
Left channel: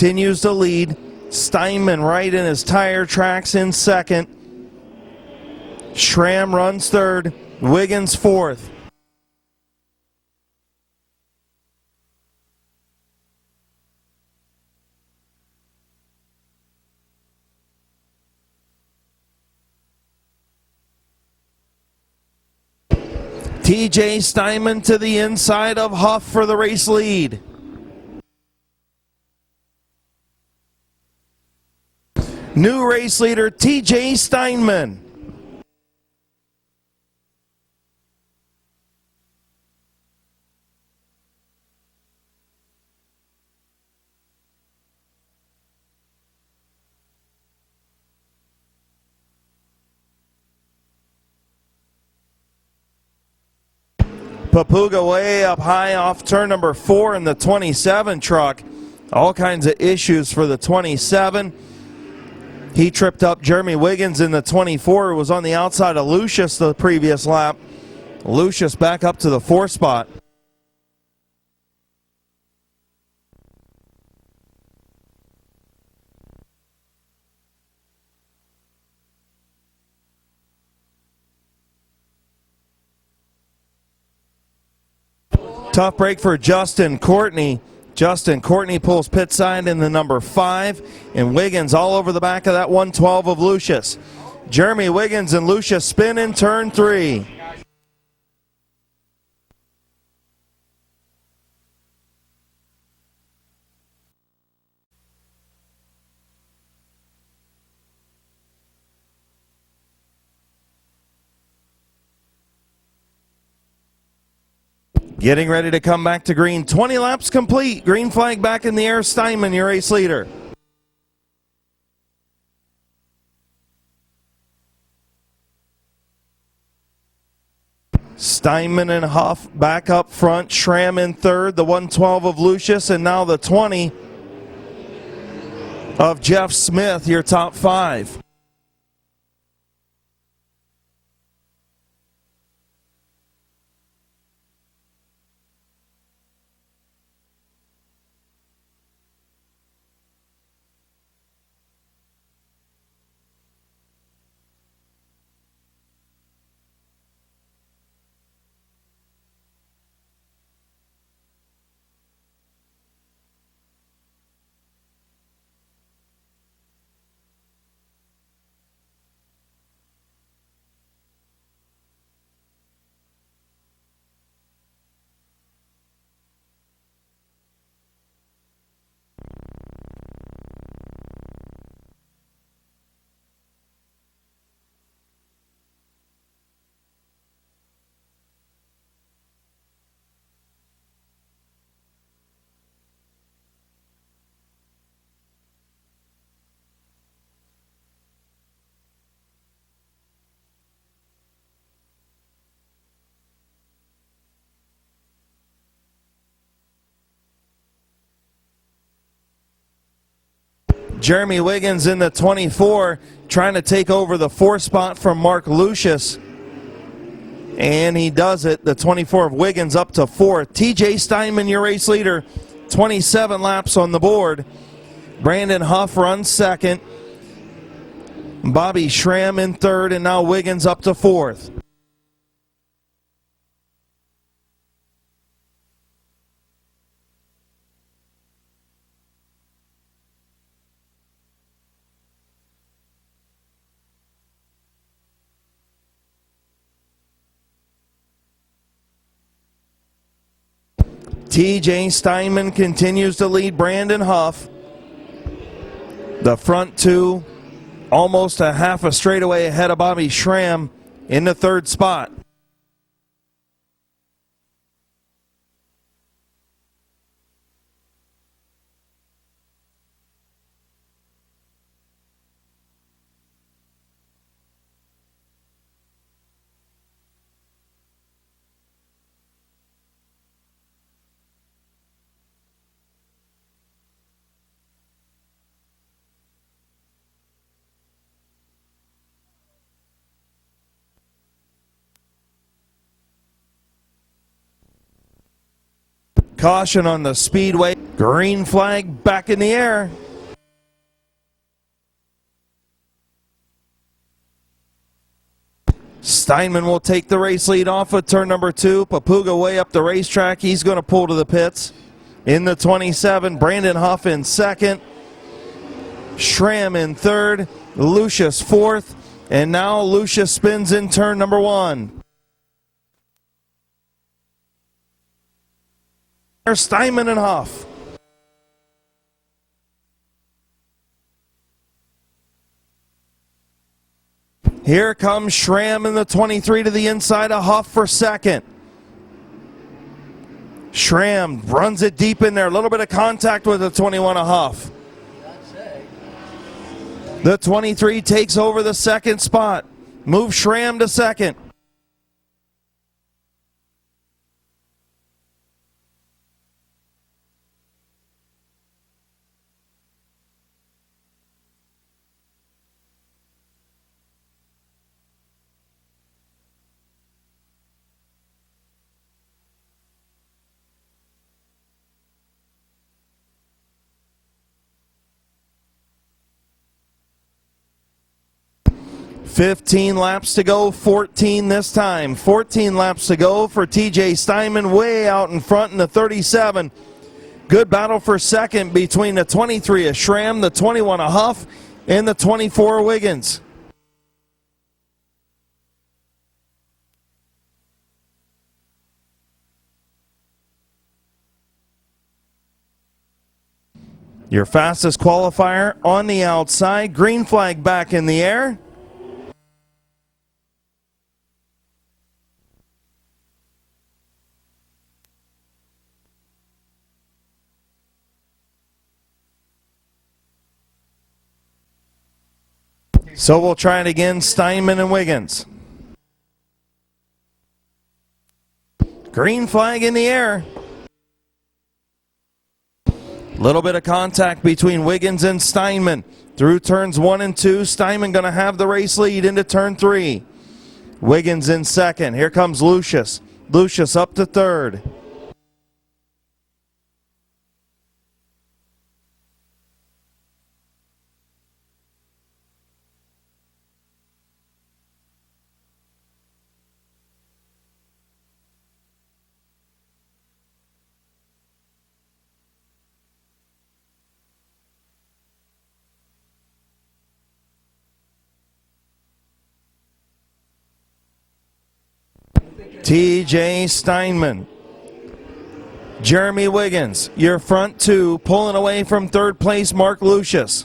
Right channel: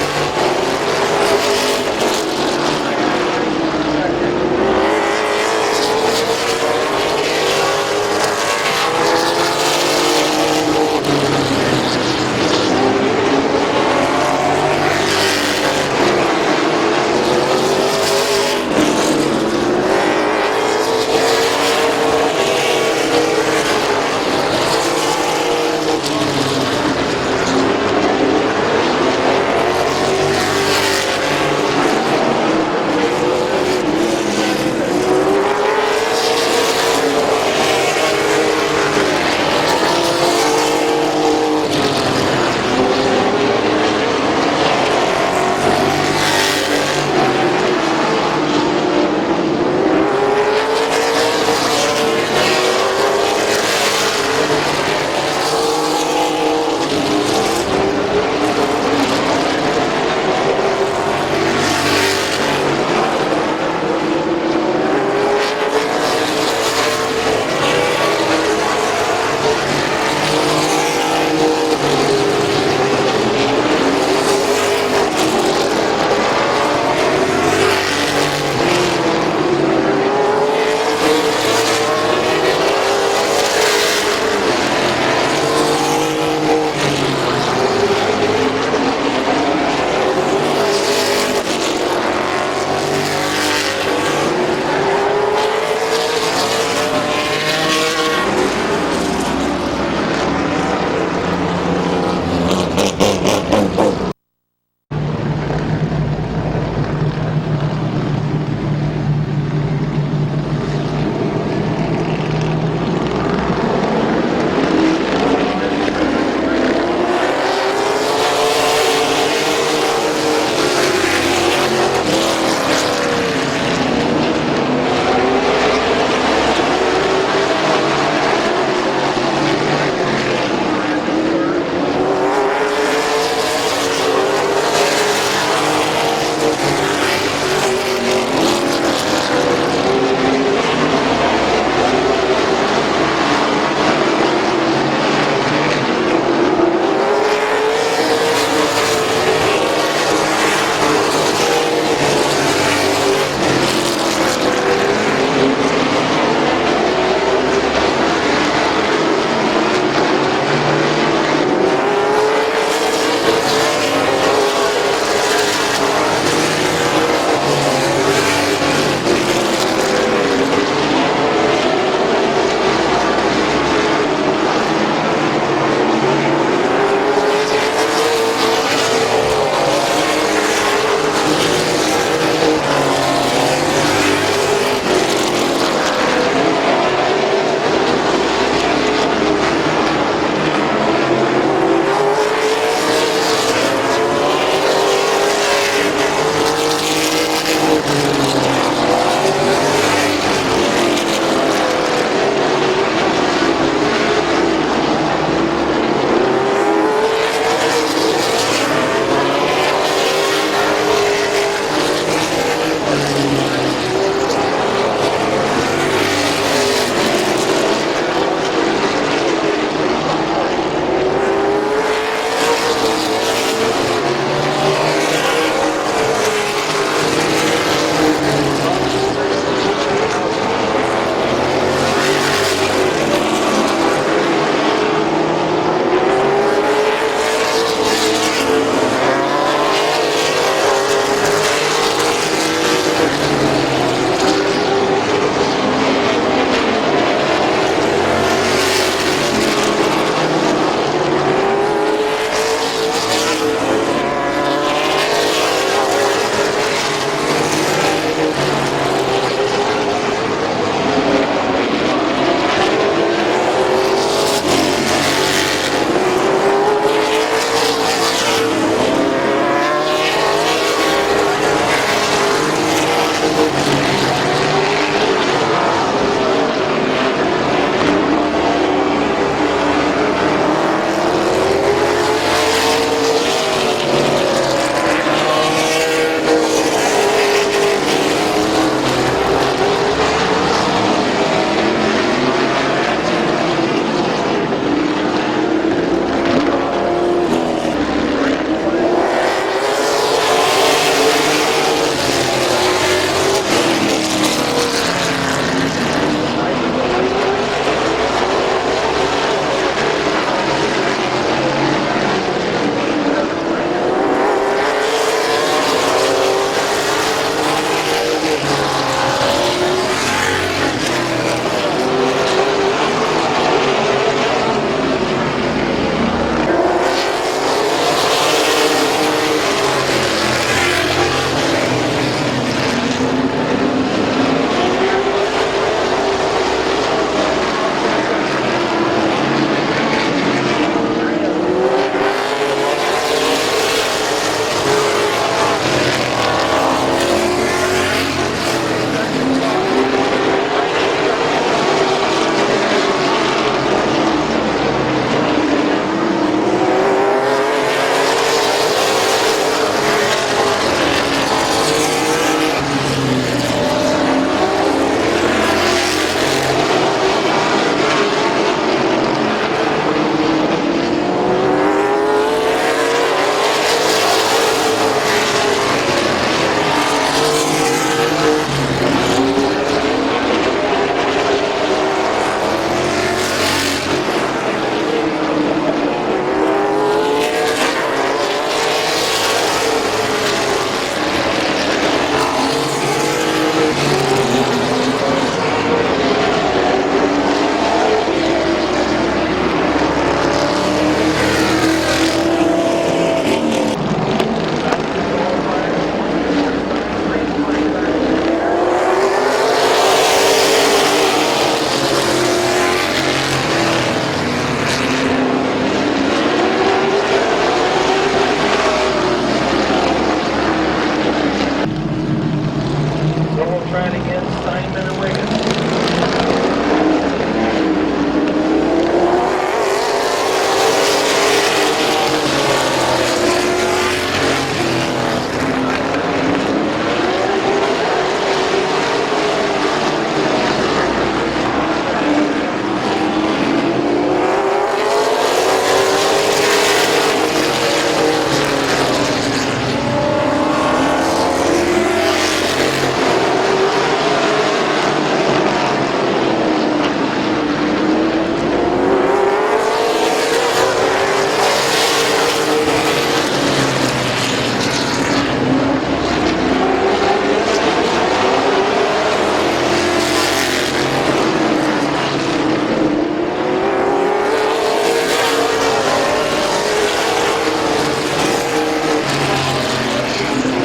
Continues to lead. Steinman right in his tire tracks in second. Schramm runs third. Wiggins fourth. TJ Steinman to the inside of Huff for the race lead. New race leader, TJ Steinman. Papuga way up high off turn number 4 in the 27 truck. All kinds of issues for the 27. He tripped up Jeremy Wiggins in the 24. Was on the outside of Lucius the previous lap. Lucius back up to the 4th spot. Justin Courtney pulls pit sign into number 5. And Wiggins all over the back of that 112 of Lucius. Jeremy Wiggins and Lucius spin in turn 3. Getting ready to come back to green. 20 laps complete. Green flag back in the air. Steinman, your race leader. Steinman and Huff back up front. Schramm in third. The 112 of Lucius. And now the 20 of Jeff Smith, your top 5. Jeremy Wiggins in the 24, trying to take over the 4th spot from Mark Lucius. And he does it. The 24 Wiggins up to 4th. TJ Steinman, your race leader, 27 laps on the board. Brandon Huff runs 2nd. Bobby Schramm in 3rd, and now Wiggins up to 4th. TJ Steinman continues to lead Brandon Huff. The front 2 almost a half a straightaway ahead of Bobby Schramm in the 3rd spot. Caution on the speedway. Green flag back in the air. Steinman will take the race lead off of turn number 2. Papuga way up the racetrack. He's going to pull to the pits. In the 27, Brandon Huff in 2nd. Schramm in 3rd. Lucius 4th. And now Lucius spins in turn number 1. Steinman and Huff. Here comes Schramm in the 23 to the inside of Huff for 2nd. Schramm runs it deep in there. A little bit of contact with the 21 of Huff. The 23 takes over the 2nd spot. Moves Schramm to 2nd. To go, 14 this time. 14 laps to go for TJ Steinman, way out in front in the 37. Good battle for second between the 23 of Schramm, the 21 of Huff, and the 24 of Wiggins. Your fastest qualifier on the outside. Green flag back in the air. So we'll try it again, Steinman and Wiggins. Green flag in the air. Little bit of contact between Wiggins and Steinman. Through turns 1 and 2, Steinman going to have the race lead into turn 3. Wiggins in second. Here comes Lucius. Lucius up to third. TJ Steinman. Jeremy Wiggins, your front two, pulling away from third place, Mark Lucius.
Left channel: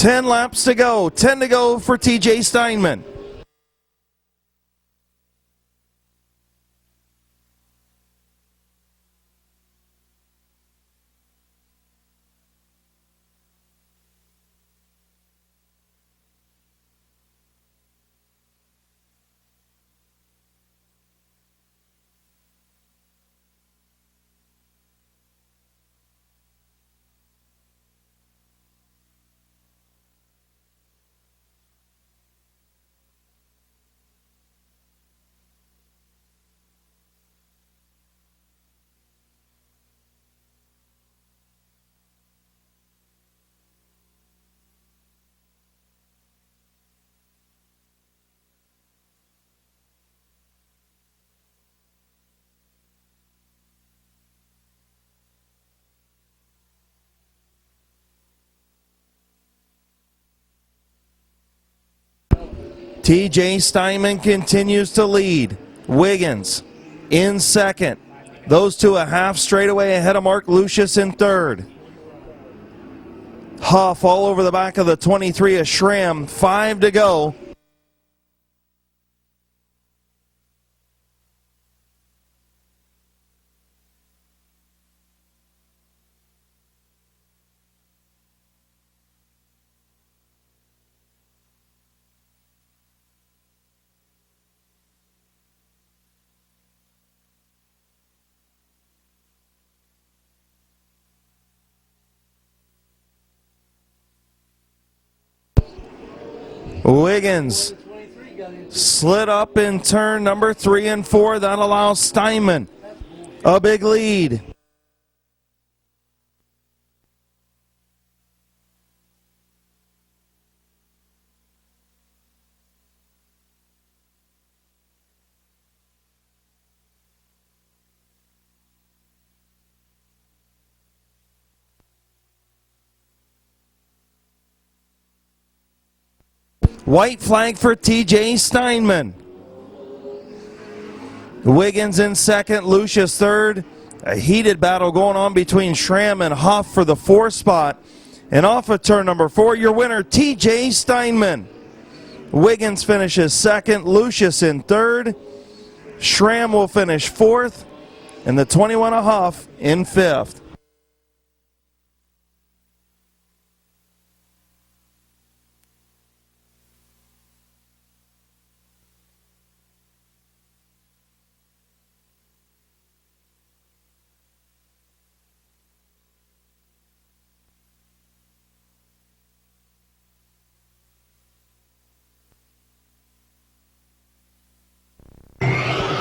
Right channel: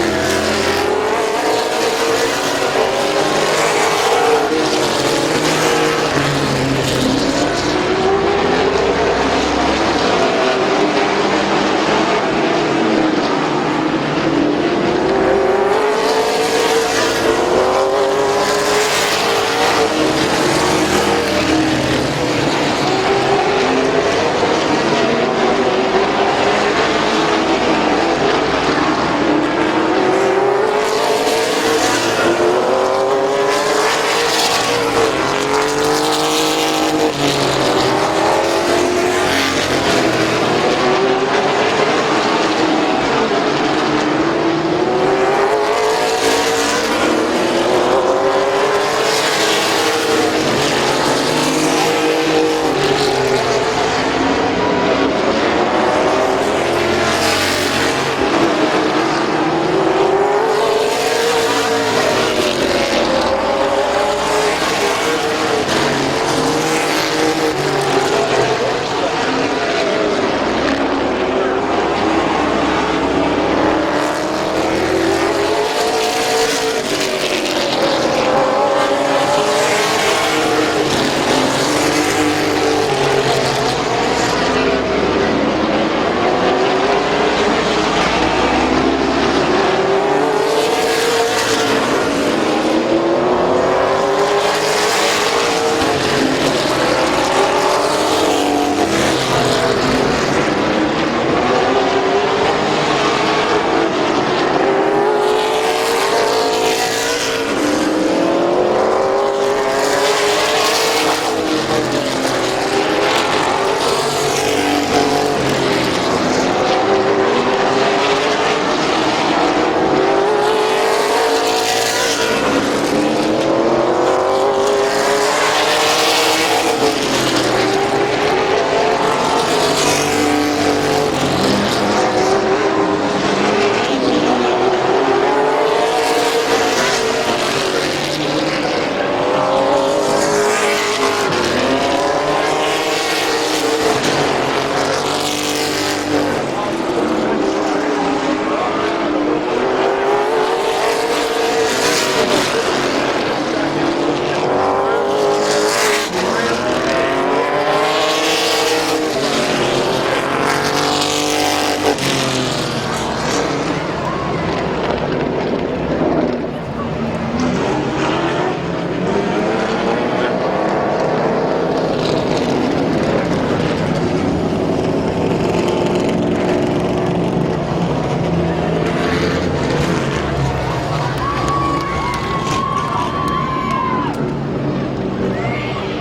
Ten laps to go, 10 to go for TJ Steinman. TJ Steinman continues to lead. Wiggins in second. Those two a half straightaway ahead of Mark Lucius in third. Huff all over the back of the 23 of Schramm. 5 to go. Wiggins slid up in turn number 3 and 4. That allows Steinman a big lead. White flag for TJ Steinman. Wiggins in second, Lucius third. A heated battle going on between Schramm and Huff for the 4th spot. And off of turn number 4, your winner, TJ Steinman. Wiggins finishes second, Lucius in third. Schramm will finish 4th. And the 21 of Huff in 5th.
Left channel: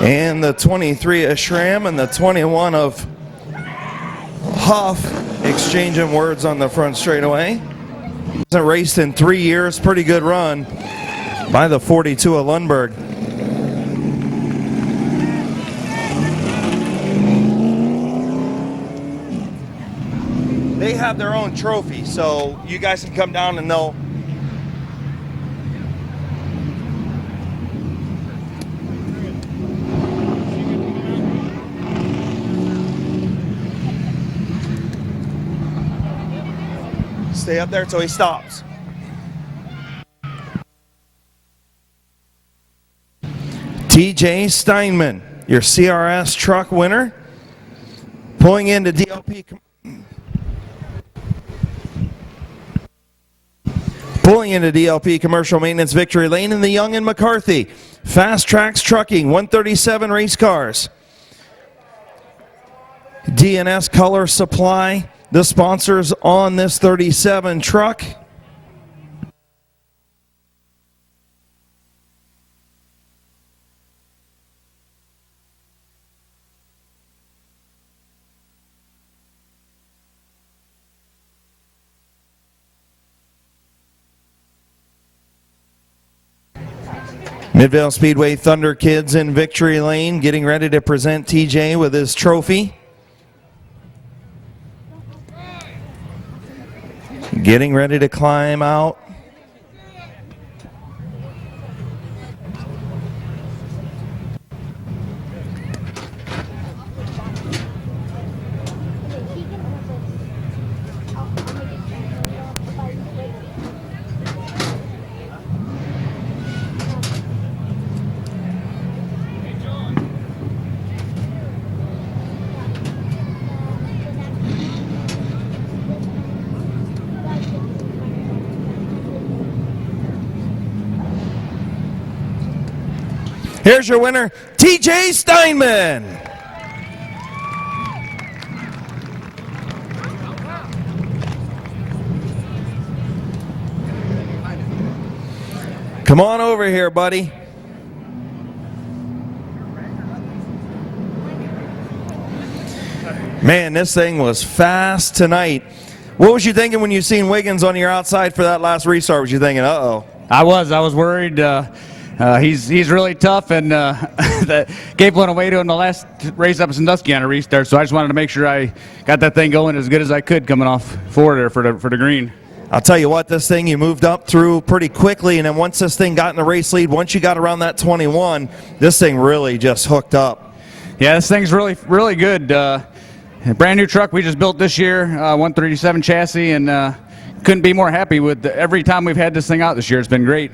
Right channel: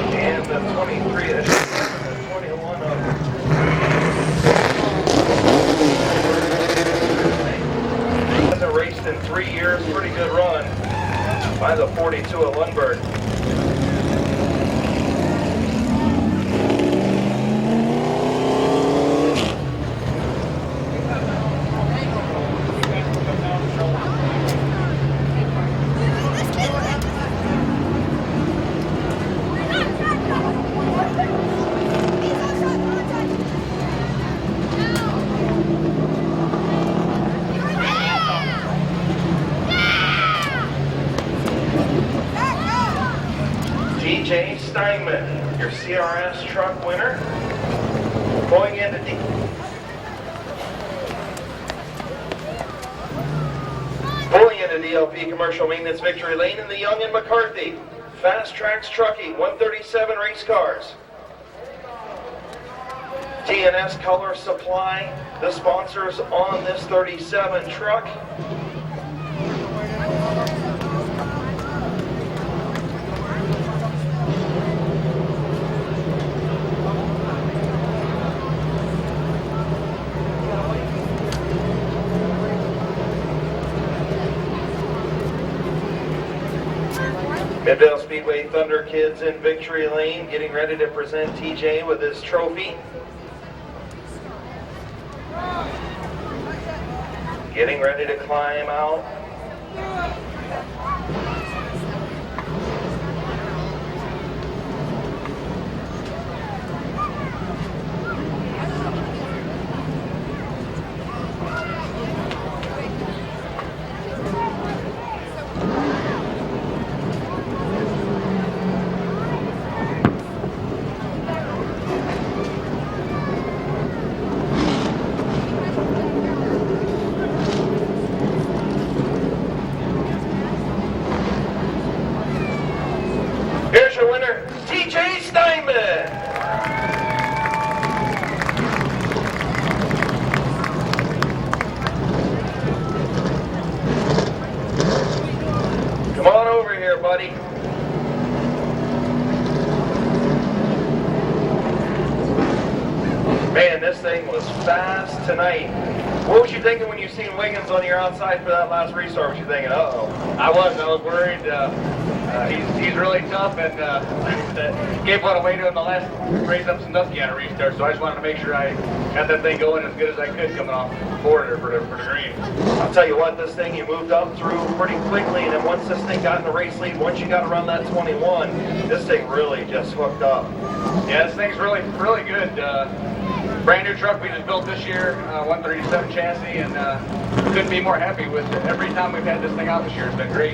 And the 23 of Schramm and the 21 of Huff exchanging words on the front straightaway. Hasn't raced in 3 years. Pretty good run by the 42 of Lundberg. They have their own trophy, so you guys can come down and they'll. Stay up there until he stops. TJ Steinman, your CRS truck winner, pulling into DLP. Pulling into DLP Commercial Maintenance Victory Lane in the Young and McCarthy. Fast Tracks Trucking, 137 race cars. DNS Color Supply, the sponsors on this 37 truck. Midvale Speedway Thunder Kids in Victory Lane getting ready to present TJ with his trophy. Getting ready to climb out. Here's your winner, TJ Steinman. Come on over here, buddy. Man, this thing was fast tonight. What was you thinking when you seen Wiggins on your outside for that last restart? Was you thinking, uh-oh? I was worried. He's really tough, and that gave one away to him the last race up in Sandusky on a restart. So I just wanted to make sure I got that thing going as good as I could coming off forward for the green. I'll tell you what, this thing you moved up through pretty quickly, and then once this thing got in the race lead, once you got around that 21, this thing really just hooked up. Yeah, this thing's really good. Brand new truck we just built this year, 137 chassis, and couldn't be more happy with every time we've had this thing out this year. It's been great.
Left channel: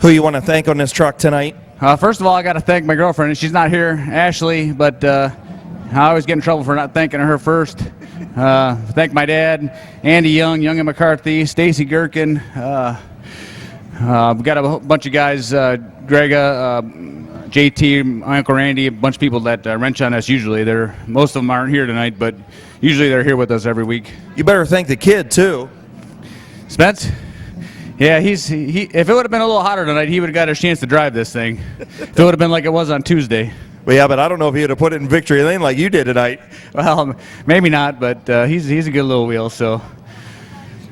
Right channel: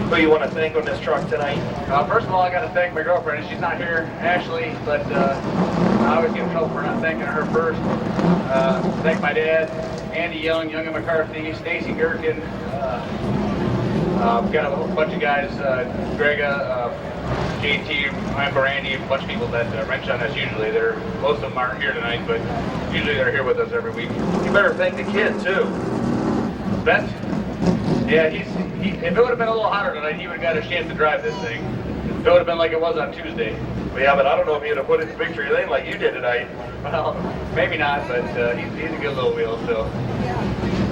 Who you want to thank on this truck tonight? First of all, I got to thank my girlfriend. She's not here, Ashley, but I always get in trouble for not thanking her first. Thank my dad, Andy Young and McCarthy, Stacy Gherkin. We've got a bunch of guys, Grega, JT, Uncle Randy, a bunch of people that wrench on us usually. Most of them aren't here tonight, but usually they're here with us every week. You better thank the kid, too. Spence? Yeah, if it would have been a little hotter tonight, he would have got a chance to drive this thing. If it would have been like it was on Tuesday. Well, yeah, but I don't know if you'd have put it in Victory Lane like you did tonight. Well, maybe not, but he's a good little wheel, so.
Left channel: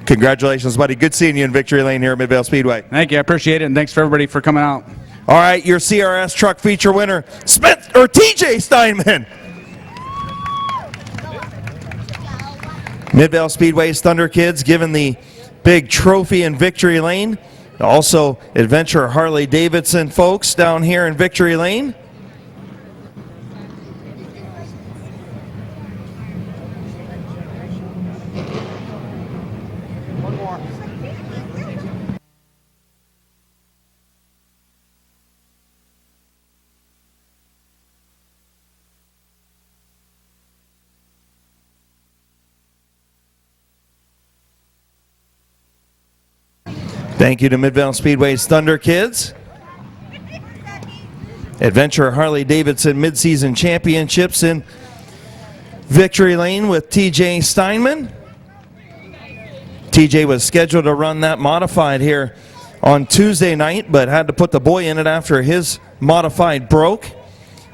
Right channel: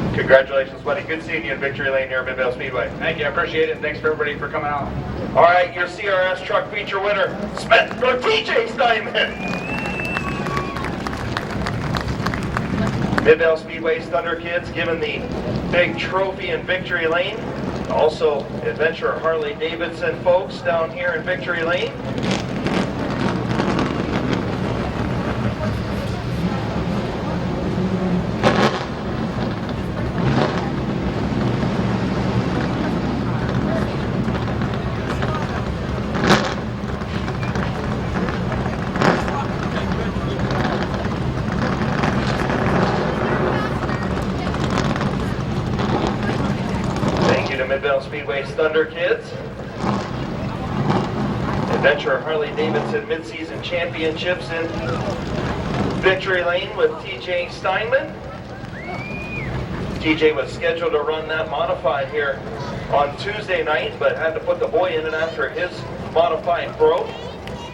Congratulations, buddy. Good seeing you in Victory Lane here at Midvale Speedway. Thank you, I appreciate it, and thanks for everybody for coming out. All right, your CRS truck feature winner, TJ Steinman. Midvale Speedway's Thunder Kids given the big trophy in Victory Lane. Also, Adventure Harley Davidson folks down here in Victory Lane. Thank you to Midvale Speedway's Thunder Kids. Adventure Harley Davidson Mid-Season Championships in Victory Lane with TJ Steinman. TJ was scheduled to run that modified here on Tuesday night, but had to put the boy in it after his modified broke.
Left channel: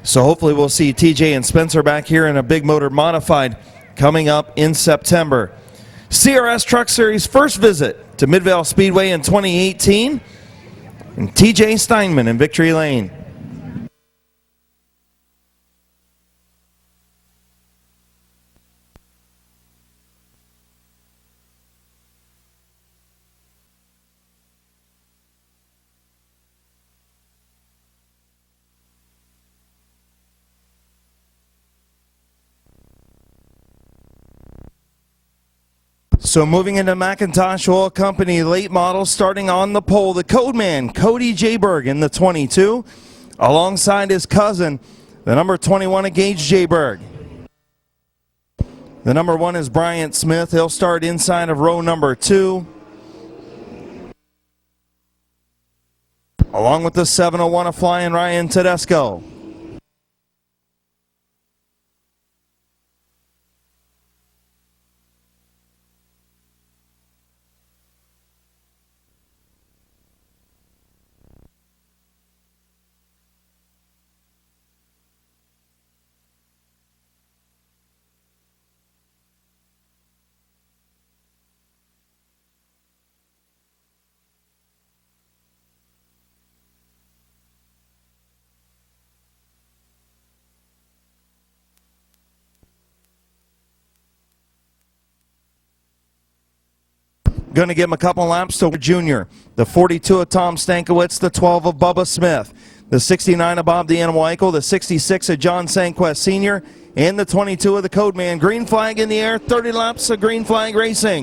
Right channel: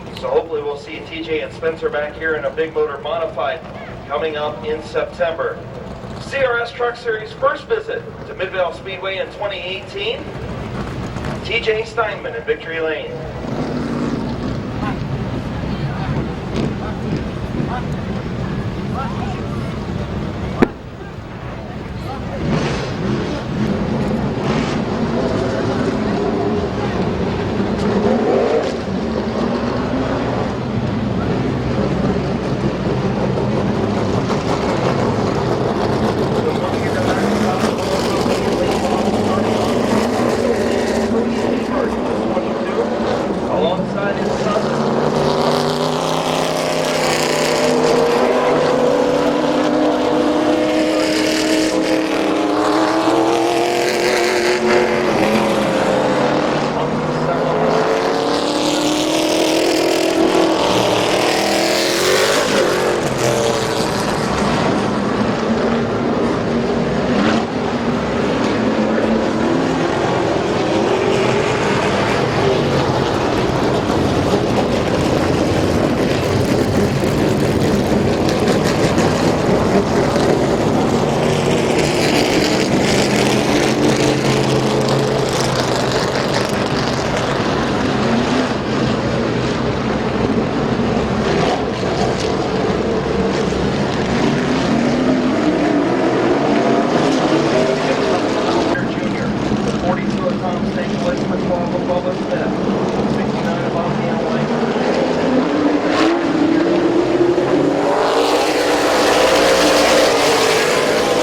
So hopefully we'll see TJ and Spencer back here in a big motor modified coming up in September. CRS Truck Series first visit to Midvale Speedway in 2018. TJ Steinman in Victory Lane. So moving into McIntosh Oil Company late model, starting on the pole, the code man, Cody J. Berg in the 22, alongside his cousin, the number 21 at Gage J. Berg. The number 1 is Brian Smith. He'll start inside of row number 2. Along with the 701 of flying Ryan Tedesco. Going to give a couple laps to Junior. The 42 of Tom Stankiewicz, the 12 of Bubba Smith, the 69 of Bob D'Aniwinkle, the 66 of John Sanquest Sr., and the 22 of the code man. Green flag in the air, 30 laps of green flag racing.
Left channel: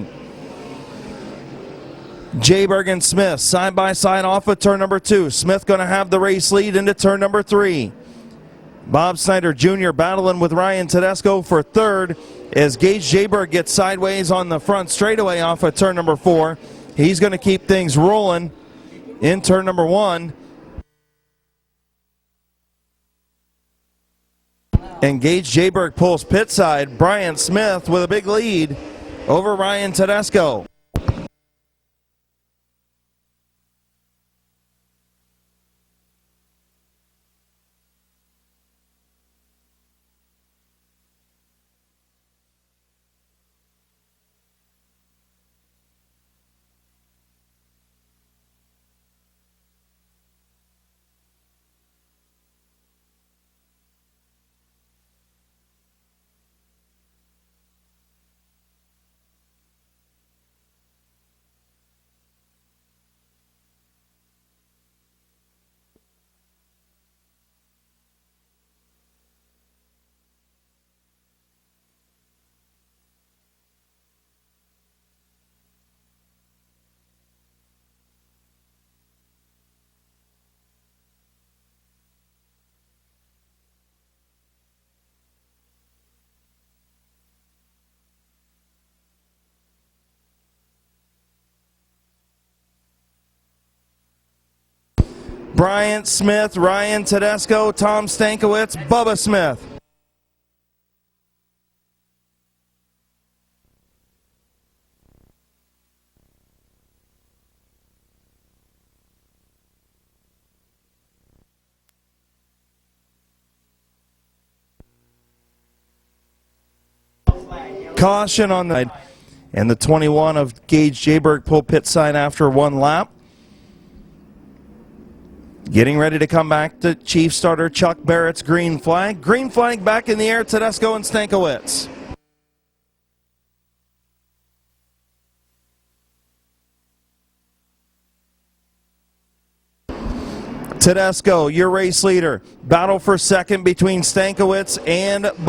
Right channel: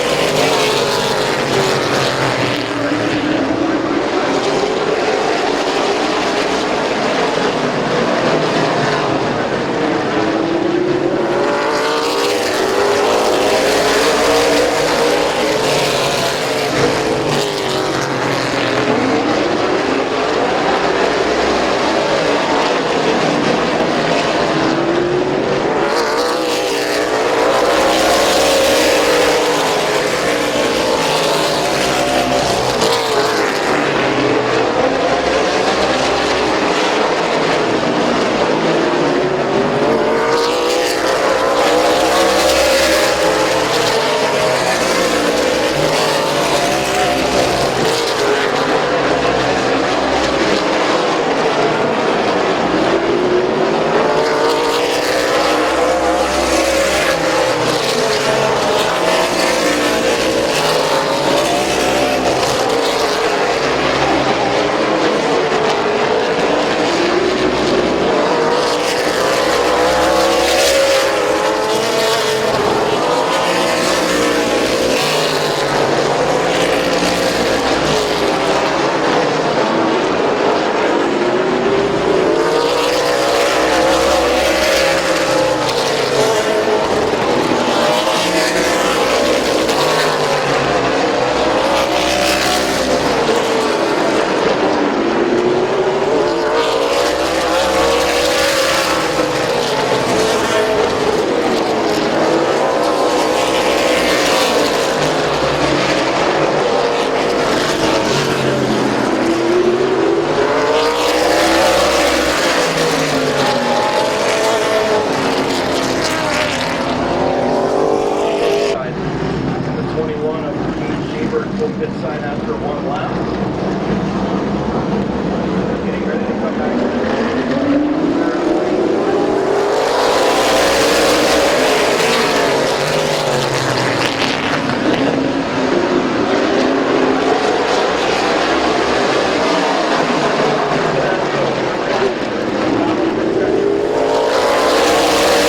J. Berg and Smith side by side off of turn number 2. Smith going to have the race lead into turn number 3. Bob Snyder Jr. battling with Ryan Tedesco for third as Gage J. Berg gets sideways on the front straightaway off of turn number 4. He's going to keep things rolling in turn number 1. And Gage J. Berg pulls pit side. Brian Smith with a big lead over Ryan Tedesco. Smith, Ryan Tedesco, Tom Stankiewicz, Bubba Smith. Caution on the and the 21 of Gage J. Berg pulled pit side after one lap. Getting ready to come back, the chief starter Chuck Barrett's green flag. Green flag back in the air, Tedesco and Stankiewicz. Tedesco, your race leader. Battle for second between Stankiewicz and